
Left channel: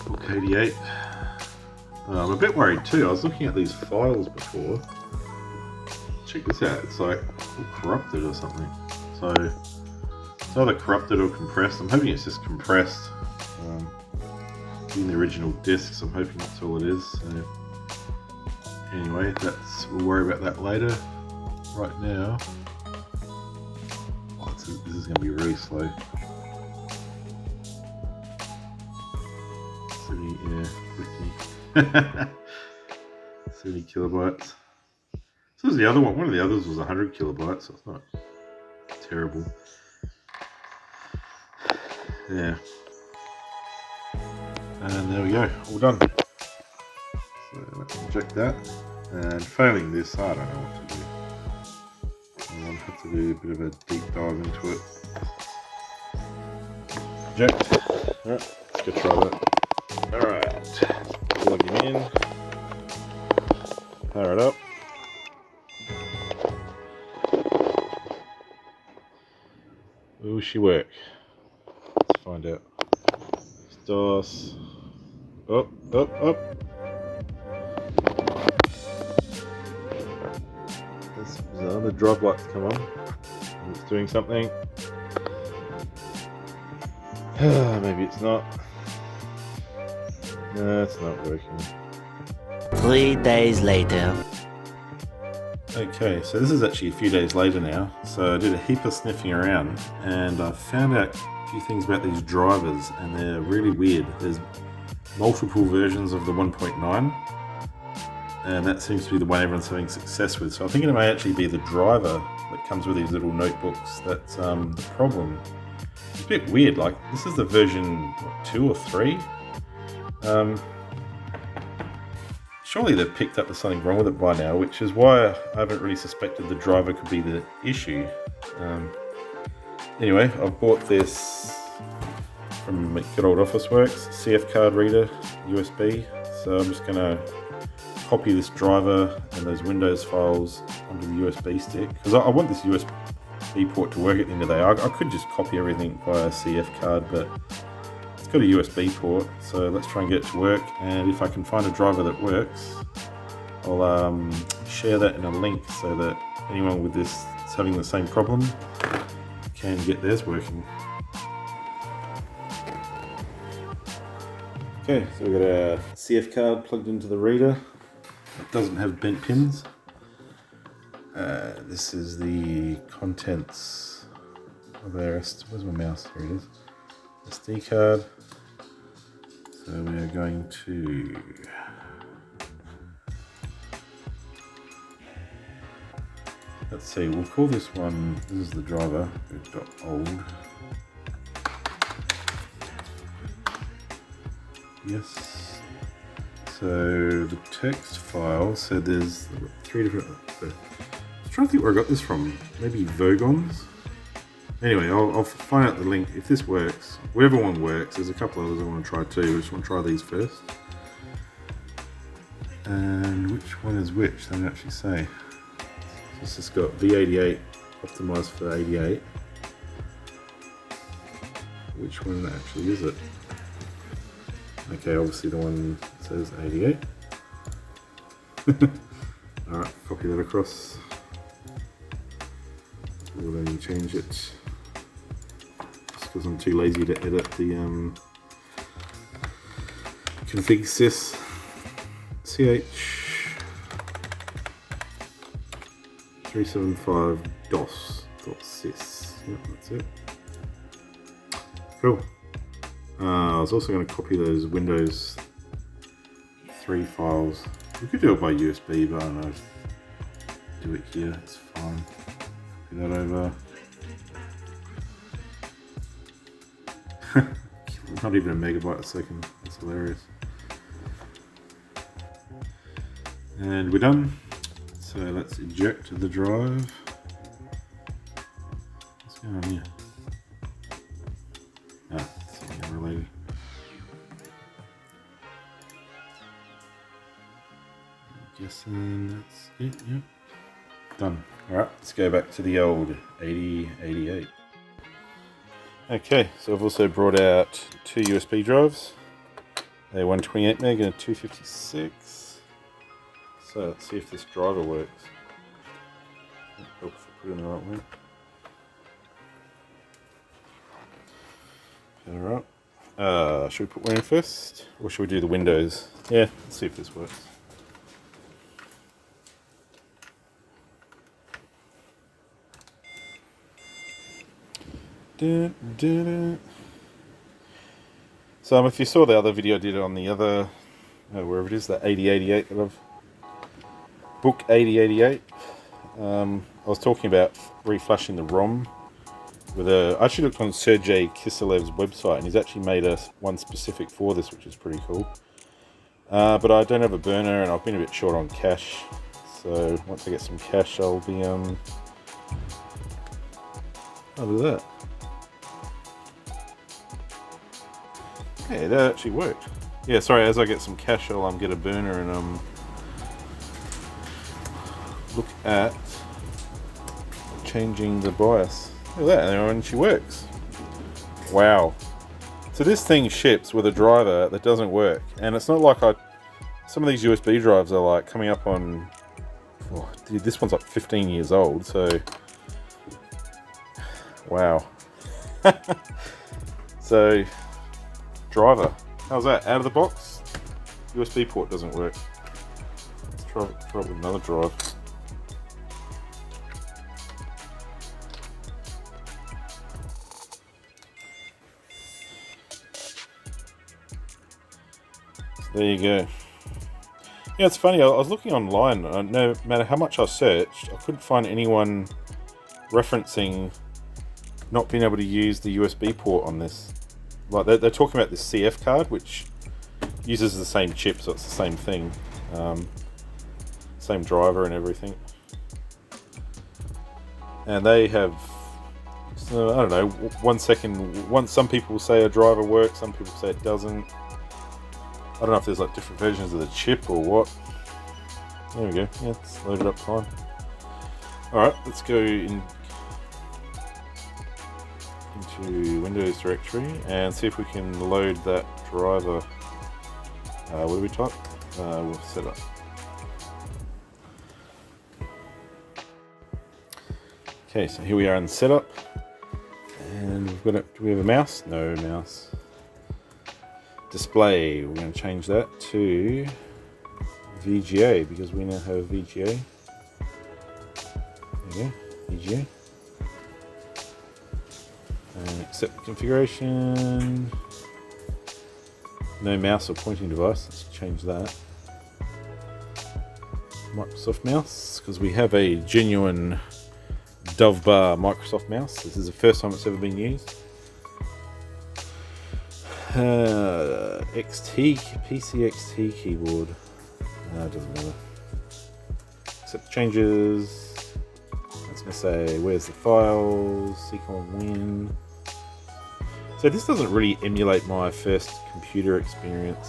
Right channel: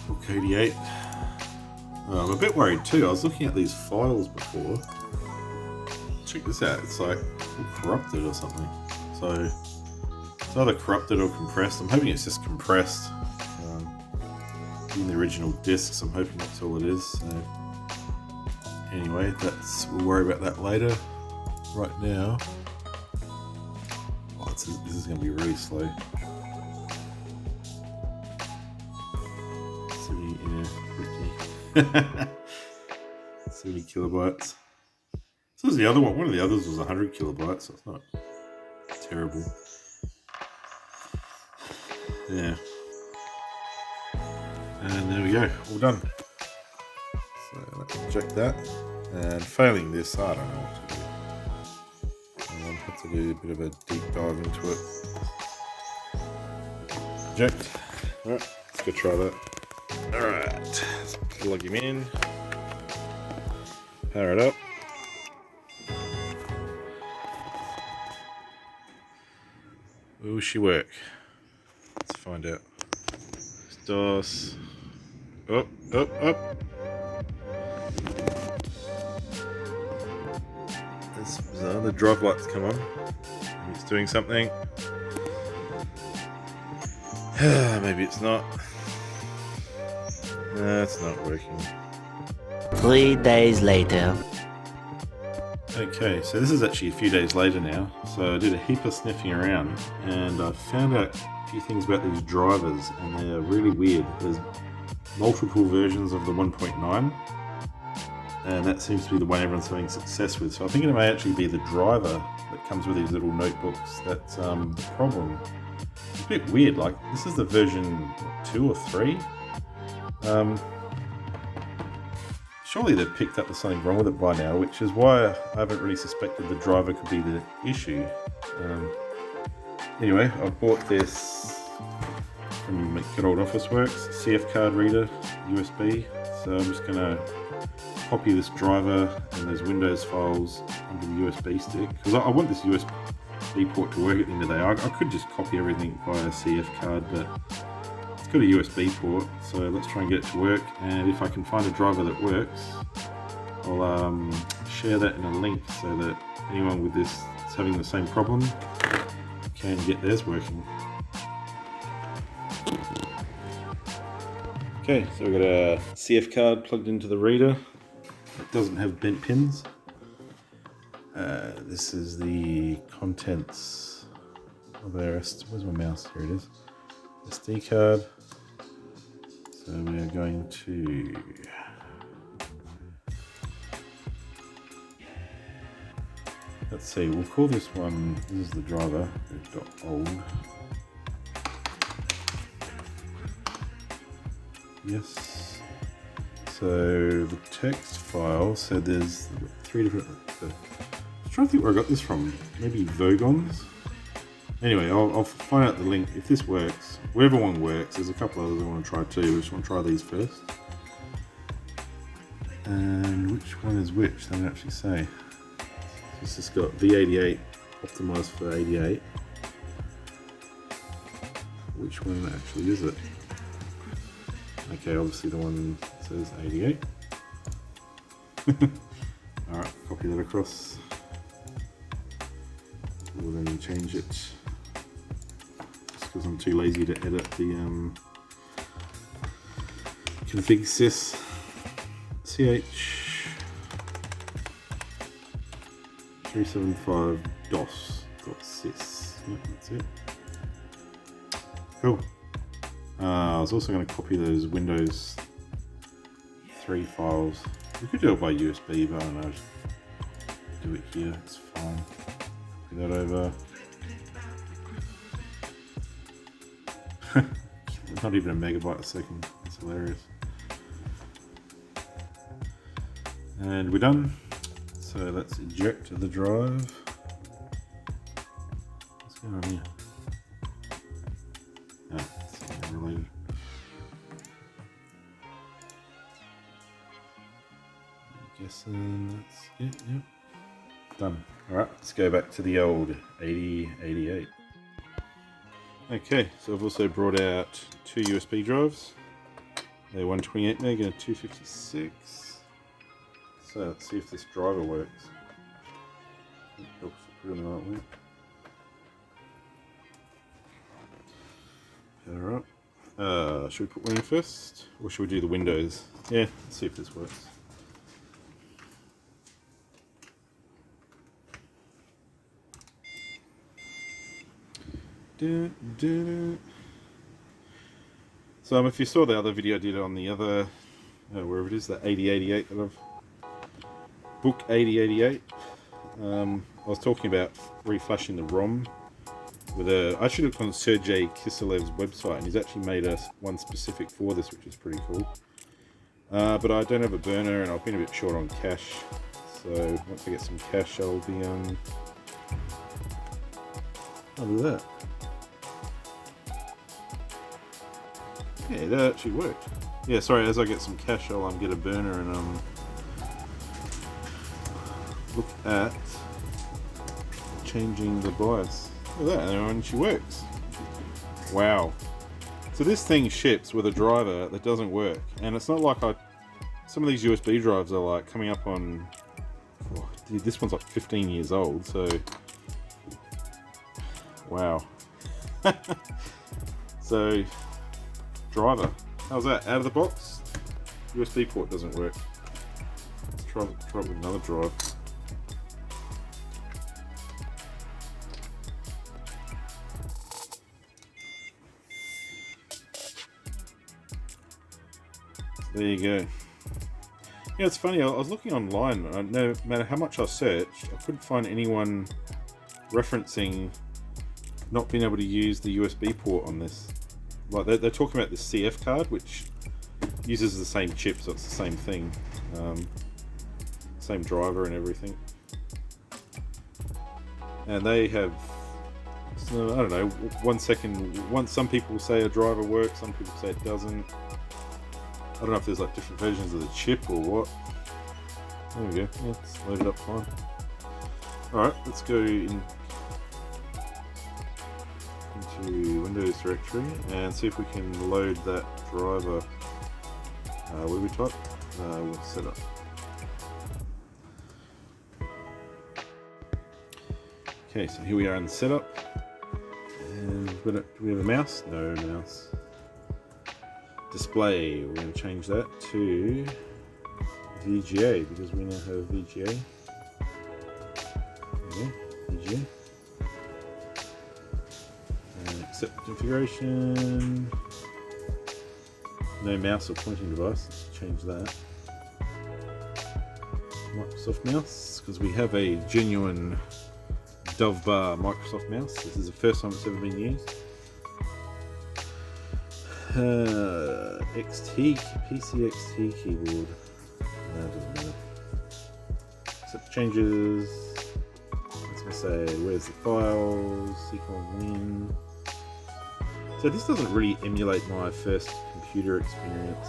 book 88. I'm a bit worried too. I was looking at these files before. Check this out. It's like all corrupted or something. So it's either corrupted or compressed. I'm hoping it's just compressed. In the original discs, I'm hoping that's all it is. So anyway, we'll worry about that later. Right now, this is going to be really slow. 70 kilobytes. So was the other one. One of the others was 100 kilobytes. So it's not terrible. Yeah. And there we go. All done. So let's inject that. And failing this, I don't know what to do. I'll have to do a bit of a deep dive into it. Inject. Alright, let's go try that. Alright, plug him in, power it up. Will she work? Let's find out. DOS. Up. The drive lights come on. It's doing something. Maybe it's not. No, it's not working. 3 days later. Okay, so this is actually a few days later now. So I did a heap of sniffing around and I found out a few things about these drivers, and they're really weird. There's multiple versions of the 1.9, and that seems to be the one everyone's having success with. So I think it may actually be the driver that comes with these little notebooks that's the problem. It's a bit weird, like this is the version, what, 2 or 3? Surely they've picked up there's something wrong with it by now, which is why I haven't really suspected the driver could be the issue. Anyway, I've bought this from good old Officeworks, CF card reader, USB. So I'm just going to copy this driver and those Windows files onto the USB stick, because I want this USB port to work at the end of the day. I could just copy everything via a CF card, but it's got a USB port, so let's try and get it to work. And if I can find a driver that works, I'll share that in a link so that anyone with this that's having the same problem can get theirs working. Okay, so we've got a CF card plugged into the reader. It doesn't have bent pins. This is the contents of our where's my mouse? Here it is. SD card. So we are going to let's see, we'll call this one, this is the driver, .old. Yes. So the text file, so there's 3 different, I'm trying to think where I got this from, maybe Vogons? Anyway, I'll find out the link. If this works, wherever one works, there's a couple others I want to try too. I just want to try these first. And which one is which? They don't actually say. It's just got V88 optimized for 88. Which one actually is it? Okay, obviously the one that says 88. Alright, copy that across. We'll then change it, just because I'm too lazy to edit the config sys ch 375 dos.sys. Yep, that's it. Cool. I was also going to copy those Windows 3 files. We could do it by USB, but I don't know, just do it here, it's fine. Copy that over. Not even a megabyte a second. It's hilarious. And we're done. So let's eject the drive. What's going on here? Ah, something related. I'm guessing that's it. Yep. Done. Alright, let's go back to the old 8088. Okay, so I've also brought out two USB drives, a 128 meg and a 256. So let's see if this driver works. Oh, put it in the right way. Alright. Should we put one in first? Or should we do the Windows? Yeah, let's see if this works. So if you saw the other video I did on the other, wherever it is, the 8088 that I've book 8088, I was talking about reflashing the ROM with I actually looked on Sergey Kiselev's website, and he's actually made one specific for this, which is pretty cool. But I don't have a burner, and I've been a bit short on cash, so once I get some cash I'll be oh, look at that. Yeah, that actually worked. Yeah, sorry, as I get some cash I'll get a burner and look at changing the BIOS. Look at that, and she works. Wow. So this thing ships with a driver that doesn't work, and it's not like some of these USB drives are like coming up on, oh, dude, this one's like 15 years old, so wow. So driver, how's that? Out of the box? USB port doesn't work. Try it with another drive. There you go. Yeah, it's funny, I was looking online, no matter how much I searched, I couldn't find anyone referencing not being able to use the USB port on this. Like they're talking about this CF card, which uses the same chip, so it's the same thing. Same driver and everything. And they have, I don't know, some people say a driver works, some people say it doesn't. I don't know if there's like different versions of the chip or what. There we go, yeah, it's loaded up fine. Alright, let's go into Windows directory and see if we can load that driver. What do we type? We'll set up. Okay, so here we are in the setup, and we've got do we have a mouse? No mouse. Display, we're going to change that to VGA because we now have VGA. There we go, VGA. And accept configuration. No mouse or pointing device, let's change that. Microsoft mouse, because we have a genuine Dove Bar Microsoft mouse. This is the first time it's ever been used. PC XT keyboard. It doesn't matter. Accept changes. It's gonna say where's the files, Seacon Win. So this doesn't really emulate my first computer experience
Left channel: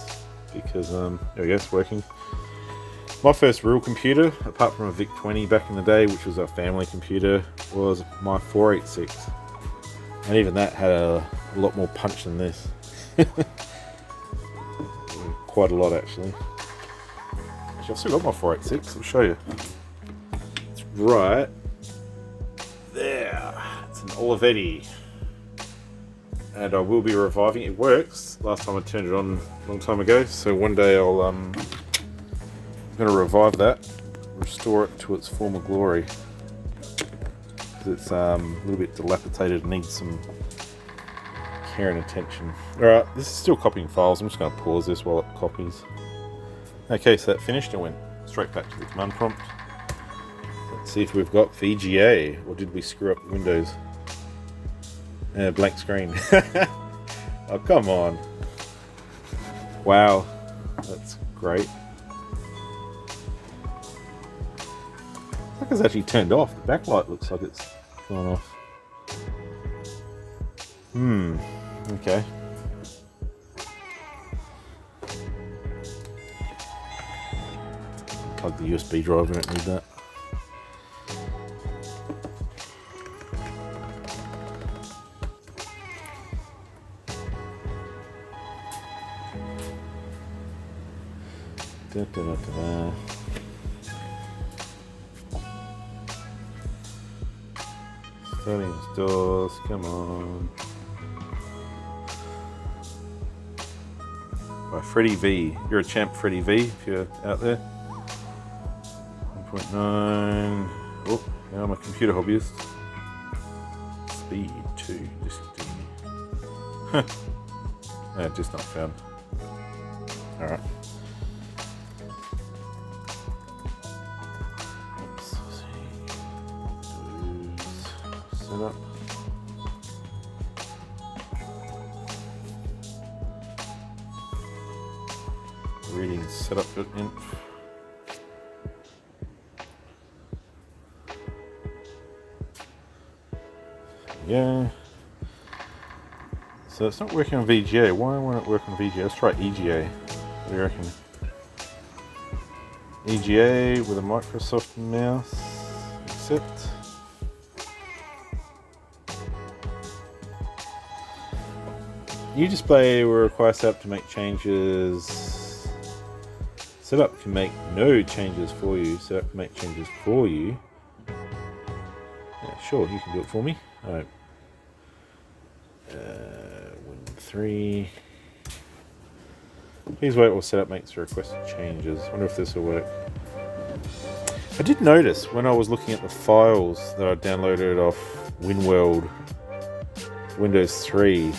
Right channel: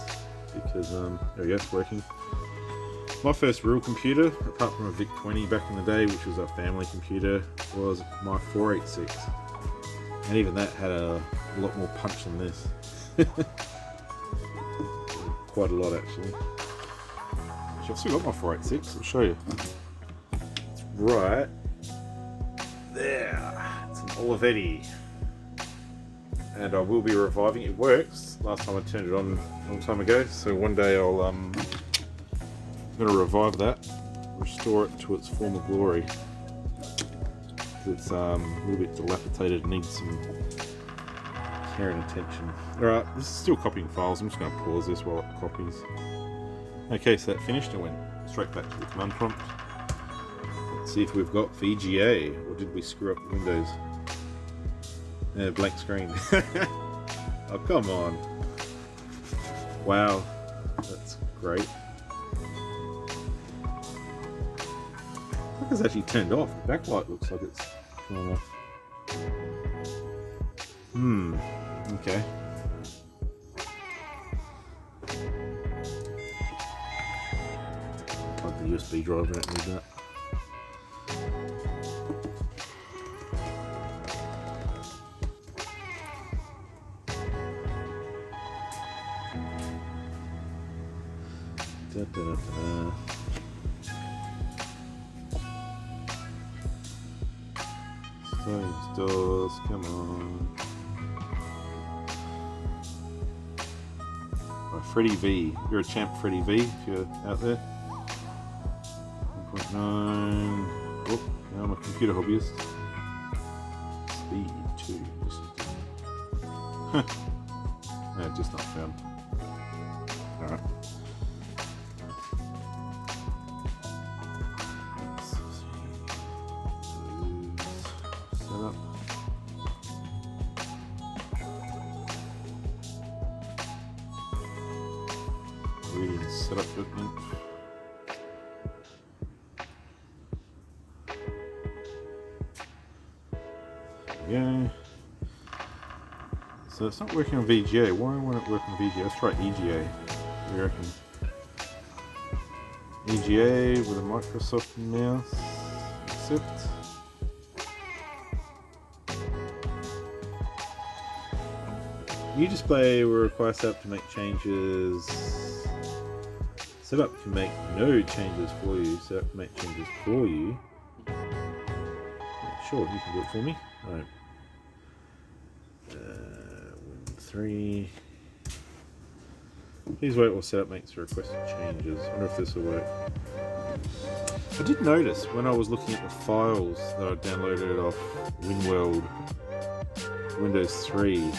because there we go, it's working. My first real computer, apart from a VIC-20 back in the day, which was our family computer, was my 486. And even that had a lot more punch than this. Quite a lot actually. Actually, I've still got my 486, I'll show you. It's right there. It's an Olivetti. And I will be reviving it. It works. Last time I turned it on a long time ago, so one day I'm going to revive that, restore it to its former glory. It's a little bit dilapidated, needs some care and attention. Alright, this is still copying files. I'm just going to pause this while it copies. Okay, so that finished. I went straight back to the command prompt. Let's see if we've got VGA, or did we screw up Windows? Blank screen. Oh, come on. Wow. That's great. Looks like it's actually turned off. The backlight looks like it's gone off. Okay. Plug the USB drive, we don't need that. Da, da, da, da. Starting stores, come on. By Freddie V. You're a champ, Freddie V, if you're out there. 1.9. Oh, now I'm a computer hobbyist. Speed 2. Yeah, just not found. Alright. Setup. Reading setup.inf. Yeah. So it's not working on VGA. Why won't it work on VGA? Let's try EGA. What do you reckon? EGA with a Microsoft mouse. Accept. New display will require setup to make changes. Setup can make no changes for you. Setup can make changes for you. Yeah, sure, you can do it for me. Alright. Win3. Please wait while setup makes the requested changes. Wonder if this will work. I did notice when I was looking at the files that I downloaded off WinWorld Windows 3,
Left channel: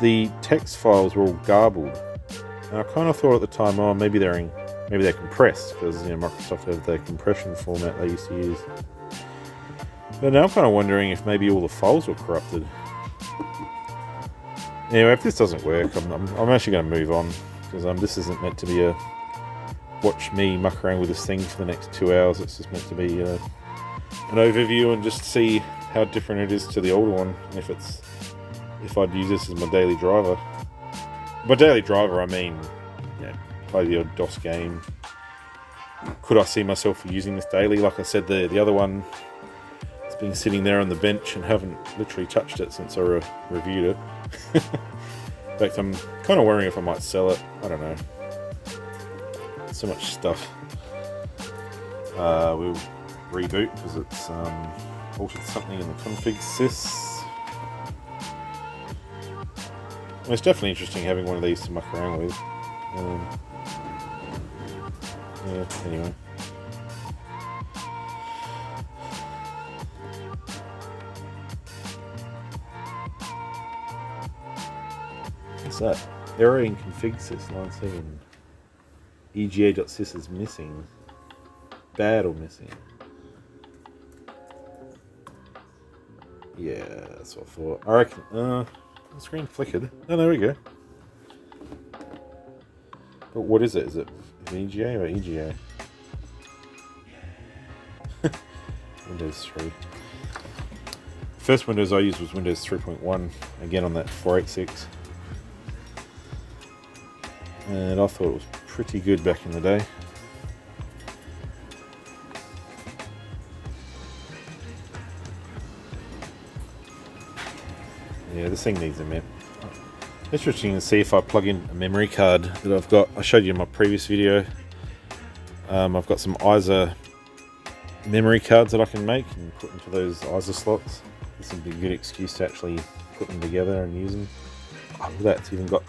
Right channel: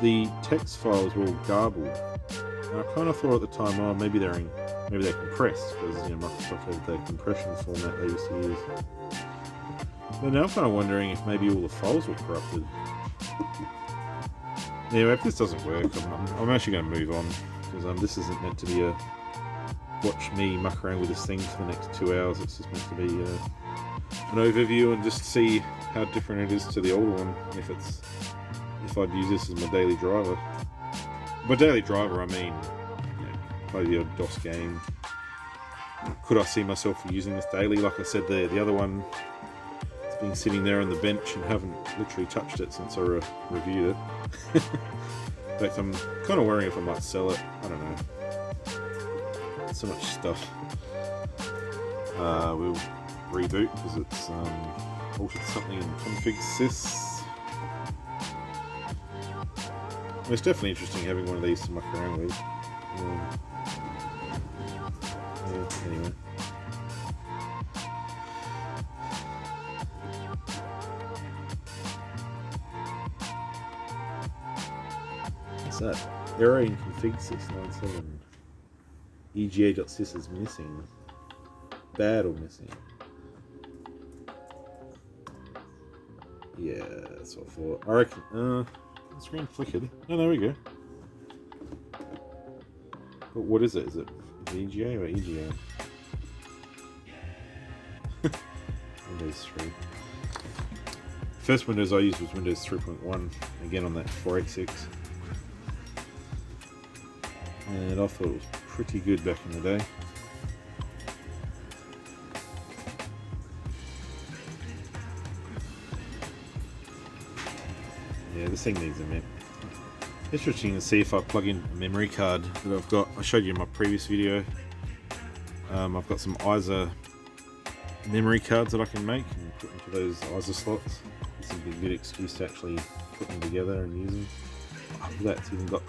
the text files were all garbled. And I kind of thought at the time, oh, maybe they're compressed because Microsoft have the compression format they used to use. But now I'm kind of wondering if maybe all the files were corrupted. Anyway, if this doesn't work, I'm actually going to move on because this isn't meant to be a watch me muck around with this thing for the next 2 hours. It's just meant to be an overview and just see how different it is to the older one. If I'd use this as my daily driver. By daily driver, I mean, play the odd DOS game. Could I see myself using this daily? Like I said, the other one, it's been sitting there on the bench and haven't literally touched it since I reviewed it. In fact, I'm kind of wondering if I might sell it. I don't know. So much stuff. We'll reboot because it's altered something in the config sys. It's definitely interesting having one of these to muck around with. Yeah, anyway. What's that? Error in config sys 97. EGA.sys is missing. Bad or missing? Yeah, that's what I thought. I reckon. The screen flickered. Oh, there we go. But what is it? Is it VGA or EGA? Windows 3. First Windows I used was Windows 3.1. Again on that 486. And I thought it was pretty good back in the day. Yeah, this thing needs a map. Interesting to see if I plug in a memory card that I've got. I showed you in my previous video. I've got some ISA memory cards that I can make and put into those ISA slots. This would be a good excuse to actually put them together and use them. Oh, look at that, it's even got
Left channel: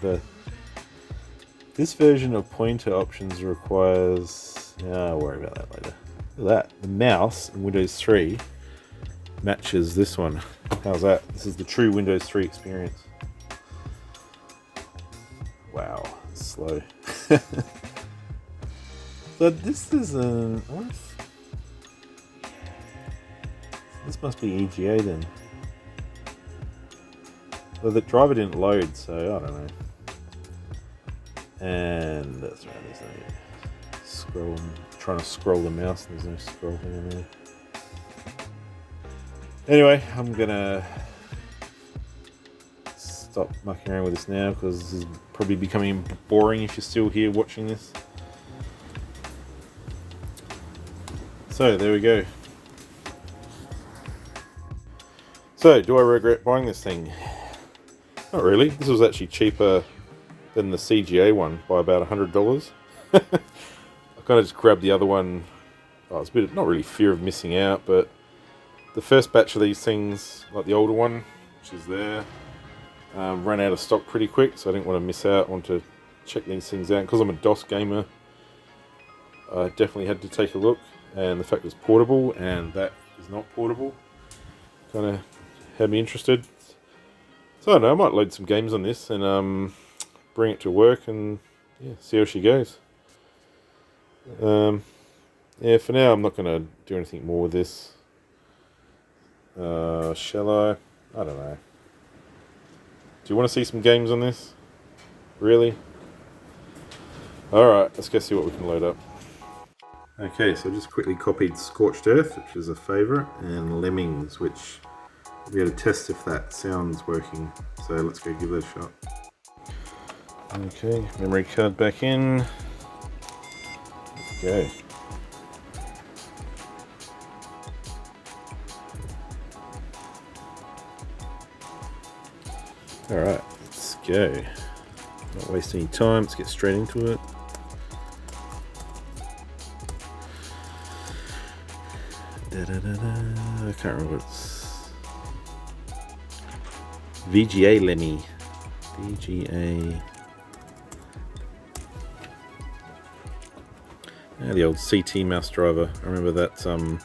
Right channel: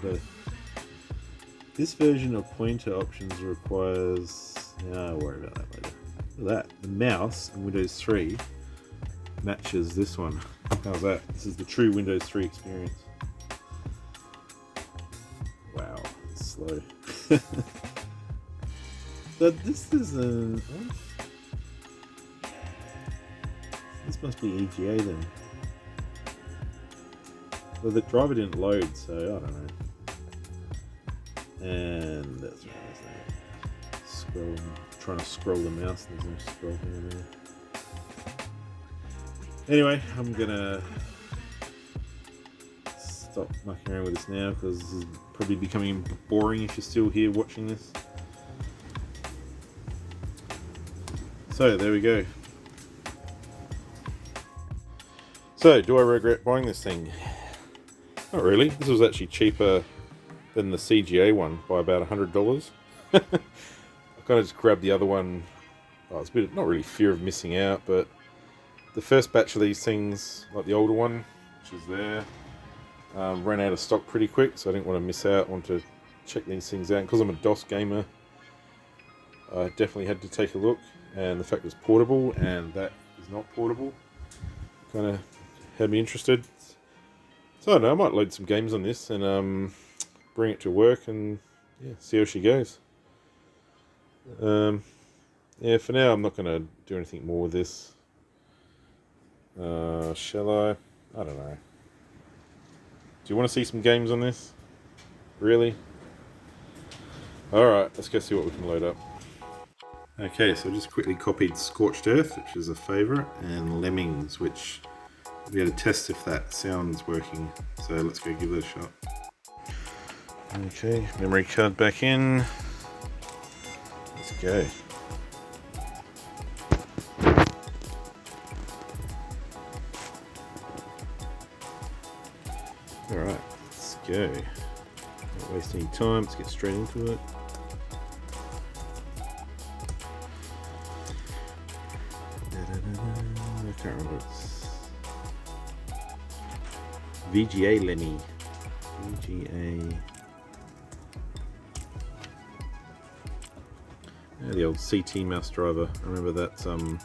this version of pointer options requires... I'll worry about that later. Look at that, the mouse in Windows 3 matches this one. How's that? This is the true Windows 3 experience. Wow, it's slow. So this is this must be EGA then. Well, the driver didn't load, so I don't know. And that's right, there's no scroll. Trying to scroll the mouse, there's no scroll thing there. Anyway, I'm gonna stop mucking around with this now because this is probably becoming boring if you're still here watching this. So there we go. So do I regret buying this thing? Not really. This was actually cheaper than the CGA one by about $100. I kind of just grabbed the other one. Oh, it's a bit of, not really fear of missing out, but the first batch of these things, like the older one, which is there, ran out of stock pretty quick, so I didn't want to miss out. I wanted to check these things out. Because I'm a DOS gamer, I definitely had to take a look, and the fact it was portable and that is not portable kind of had me interested. So I don't know, I might load some games on this and bring it to work and yeah, see how she goes. Yeah, for now I'm not going to do anything more with this. Shall I? I don't know. Do you want to see some games on this? Really? Alright, let's go see what we can load up. Okay, so I just quickly copied Scorched Earth, which is a favourite, and Lemmings, which we're going to test if that sound's working. So let's go give it a shot. Okay, memory card back in. Let's go. Alright, let's go. Not wasting any time, let's get straight into it. I can't remember what it's. VGA Lemmy. VGA. Yeah, the old CT mouse driver. I remember that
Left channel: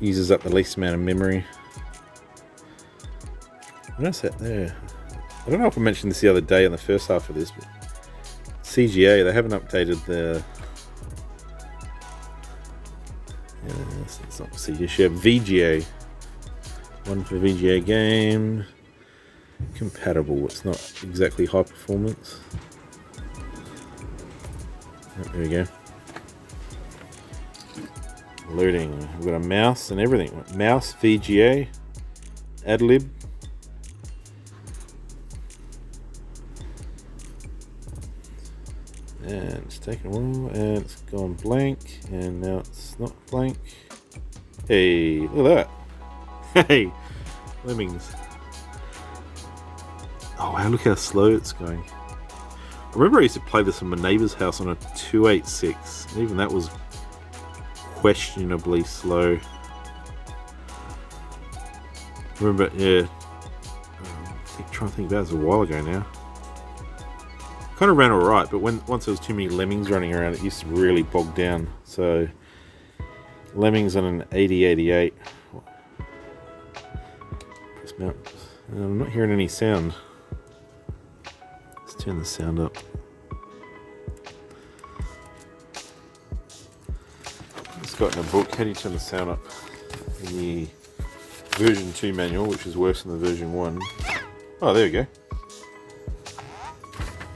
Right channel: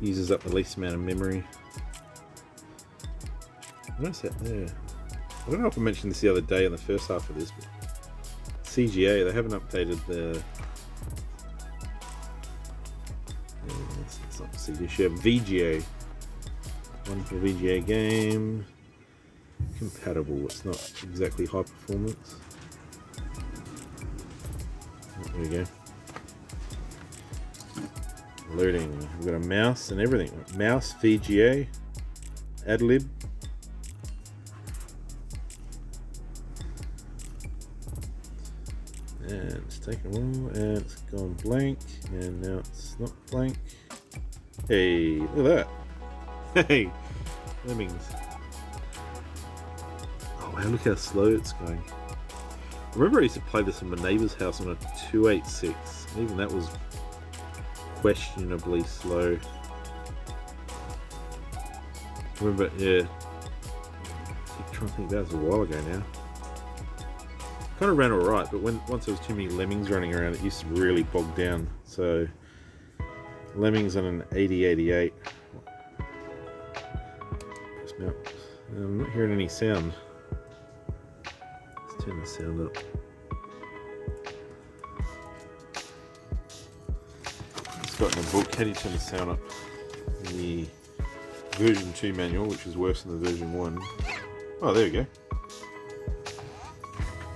uses up the least amount of memory. What's that there? I don't know if I mentioned this the other day in the first half of this, but CGA, they haven't updated the. It's not CGA, should have VGA. One for VGA game. Compatible, it's not exactly high performance. Oh, there we go. Loading. We've got a mouse and everything. Mouse, VGA, AdLib. And it's taken a while, and it's gone blank, and now it's not blank. Hey, look at that. Hey, Lemmings. Oh wow, look how slow it's going. I remember I used to play this in my neighbour's house on a 286, and even that was questionably slow. I remember, yeah. I'm trying to think, that was a while ago now. Kind of ran alright, but once there was too many Lemmings running around, it used to really bog down. So Lemmings on an 8088. I'm not hearing any sound. Let's turn the sound up. It's got in a book, how do you turn the sound up? In the version 2 manual, which is worse than the version 1. Oh, there we go.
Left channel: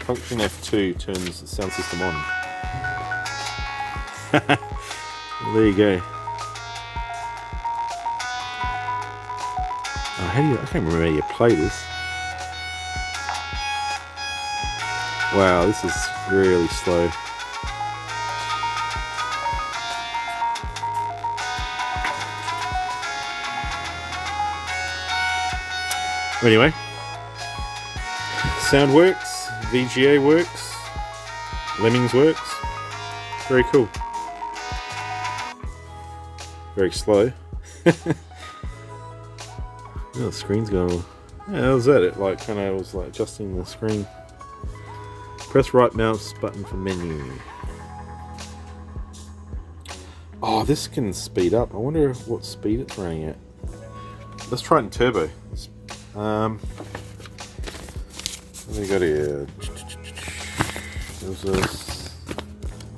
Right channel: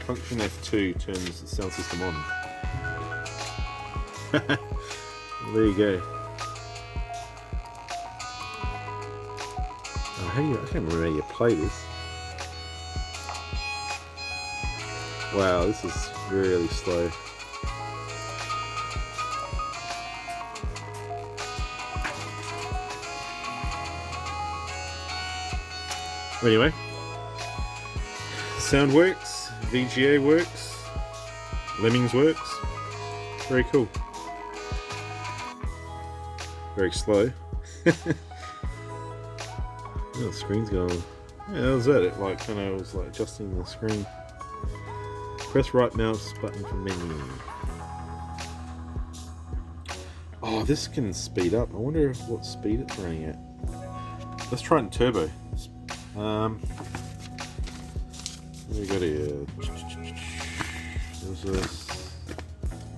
Function F2 turns the sound system on. There you go. Oh, I can't remember how you play this. Wow, this is really slow. Anyway, sound works, VGA works, Lemmings works. Very cool. Very slow. Oh, the screen's going. Yeah, that was it. Like when I was like adjusting the screen. Press right mouse button for menu. Oh, this can speed up. I wonder what speed it's running at. Let's try it in turbo. What do we got here? There's a.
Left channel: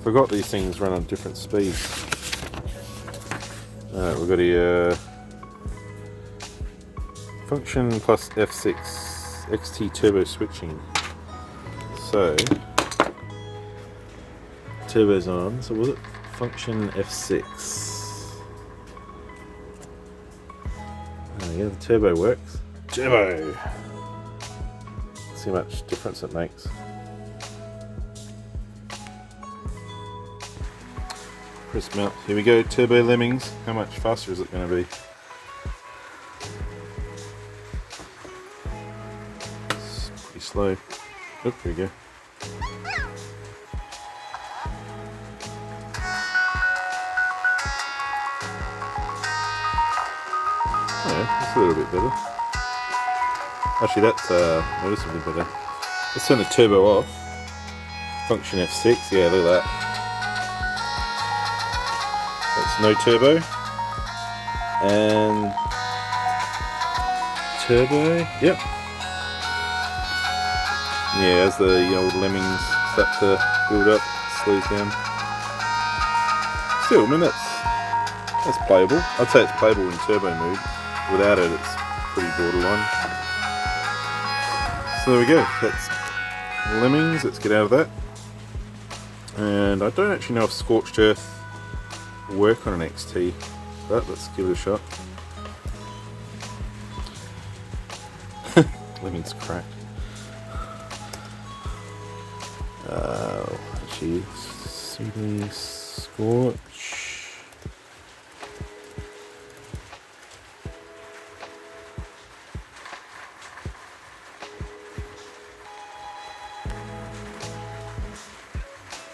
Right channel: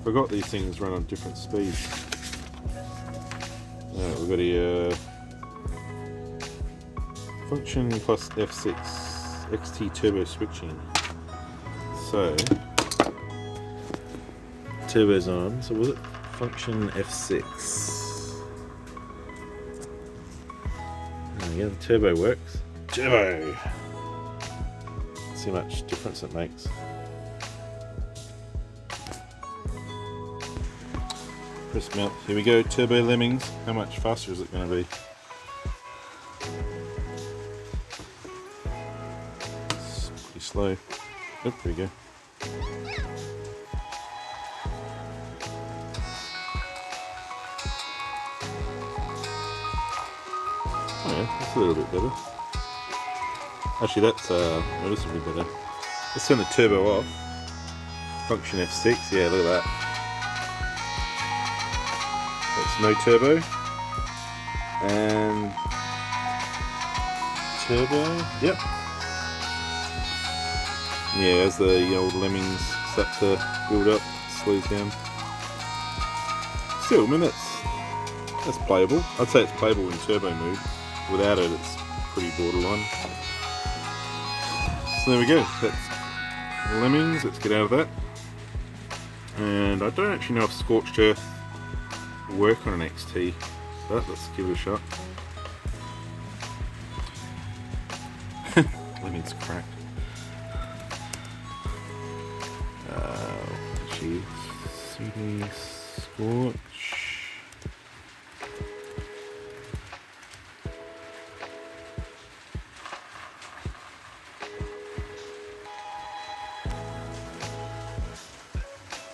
Forgot these things run on different speeds. Alright, we've got here. Function plus F6. XT turbo switching. So, turbo's on. So was it function F6? Oh yeah, the turbo works. Turbo! See how much difference it makes. Press mount. Here we go, turbo lemmings. How much faster is it going to be? It's pretty slow. Oh, here we go. Oh yeah, that's a little bit better. Actually, that's noticeably better. Let's turn the turbo off. Function F6. Yeah, look at that. That's no turbo. And turbo. Yep. Yeah, as the old lemmings start to build up, slows down. Still, I mean that's playable. I'd say it's playable in turbo mode. Without it, it's pretty borderline. So there we go. That's lemmings. Let's get out of that. And I don't actually know if Scorched Earth will work on an XT, but let's give it a shot. Lemmings crack. Actually, CD Scorch.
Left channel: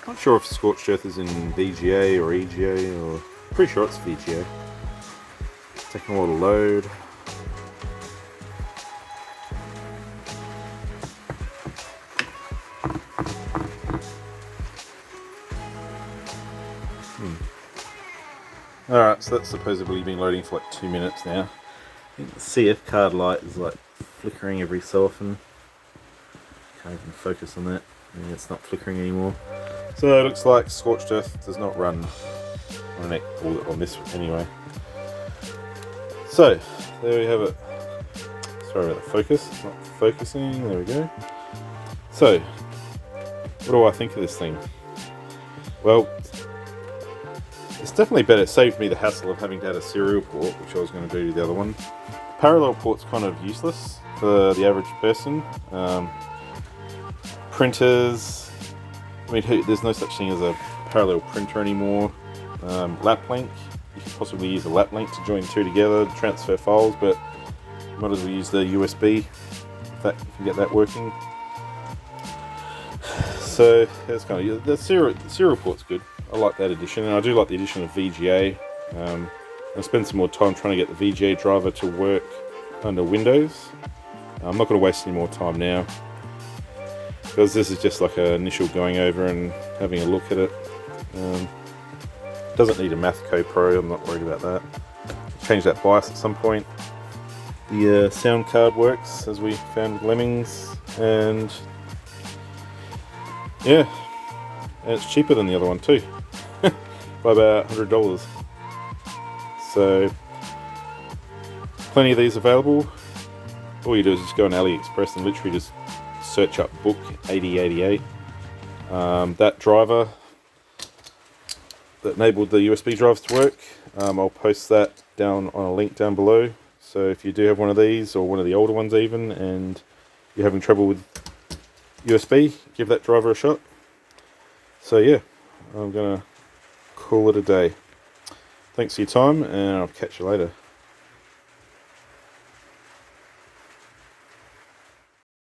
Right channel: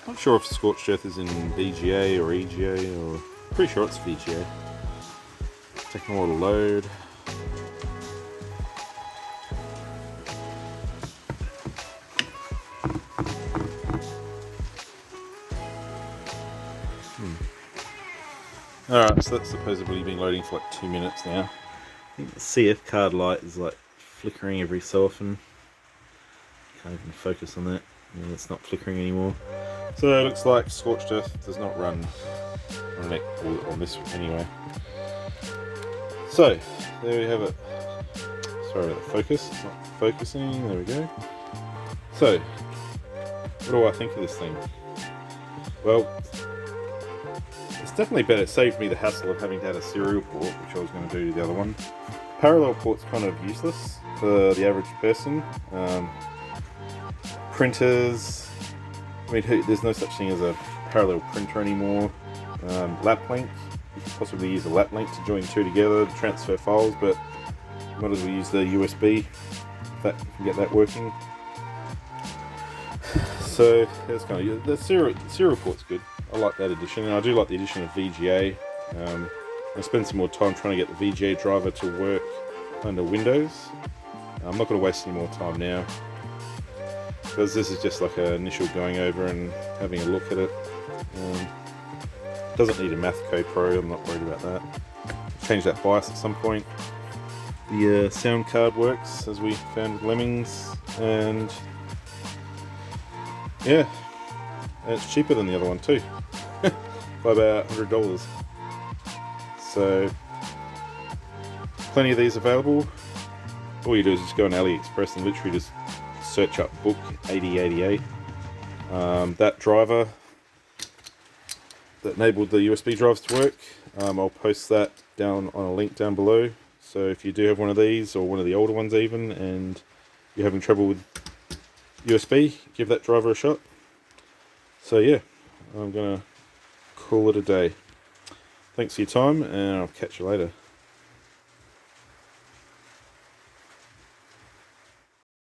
Not sure if Scorched Earth is in VGA or EGA, or pretty sure it's VGA. Taking a while to load. Alright, so that's supposedly been loading for like 2 minutes now. I think the CF card light is like flickering every so often. Can't even focus on that. Yeah, it's not flickering anymore. So it looks like Scorched Earth does not run on an or on this anyway. So there we have it. Sorry about the focus, it's not focusing. There we go. So what do I think of this thing? Well, it's definitely better. It saved me the hassle of having to add a serial port, which I was going to do to the other one. Parallel port's kind of useless for the average person. Printers, I mean, there's no such thing as a parallel printer anymore. Lap link, you could possibly use a lap link to join two together to transfer files, but you might as well use the USB if that, you can get that working. So that's kind of the serial port's good. I like that addition, and I do like the addition of VGA. I spend some more time trying to get the VGA driver to work under Windows. I'm not going to waste any more time now, because this is just like an initial going over and having a look at it. Doesn't need a Mathco Pro, I'm not worried about that. Change that BIOS at some point. The sound card works, as we found with Lemmings, and yeah, and it's cheaper than the other one too, by about $100. So, plenty of these available. All you do is just go on AliEpxress and literally just search up book 8088. That driver that enabled the USB drives to work, I'll post that down on a link down below. So if you do have one of these, or one of the older ones even, and you're having trouble with USB, give that driver a shot. So yeah, I'm gonna call it a day. Thanks for your time, and I'll catch you later.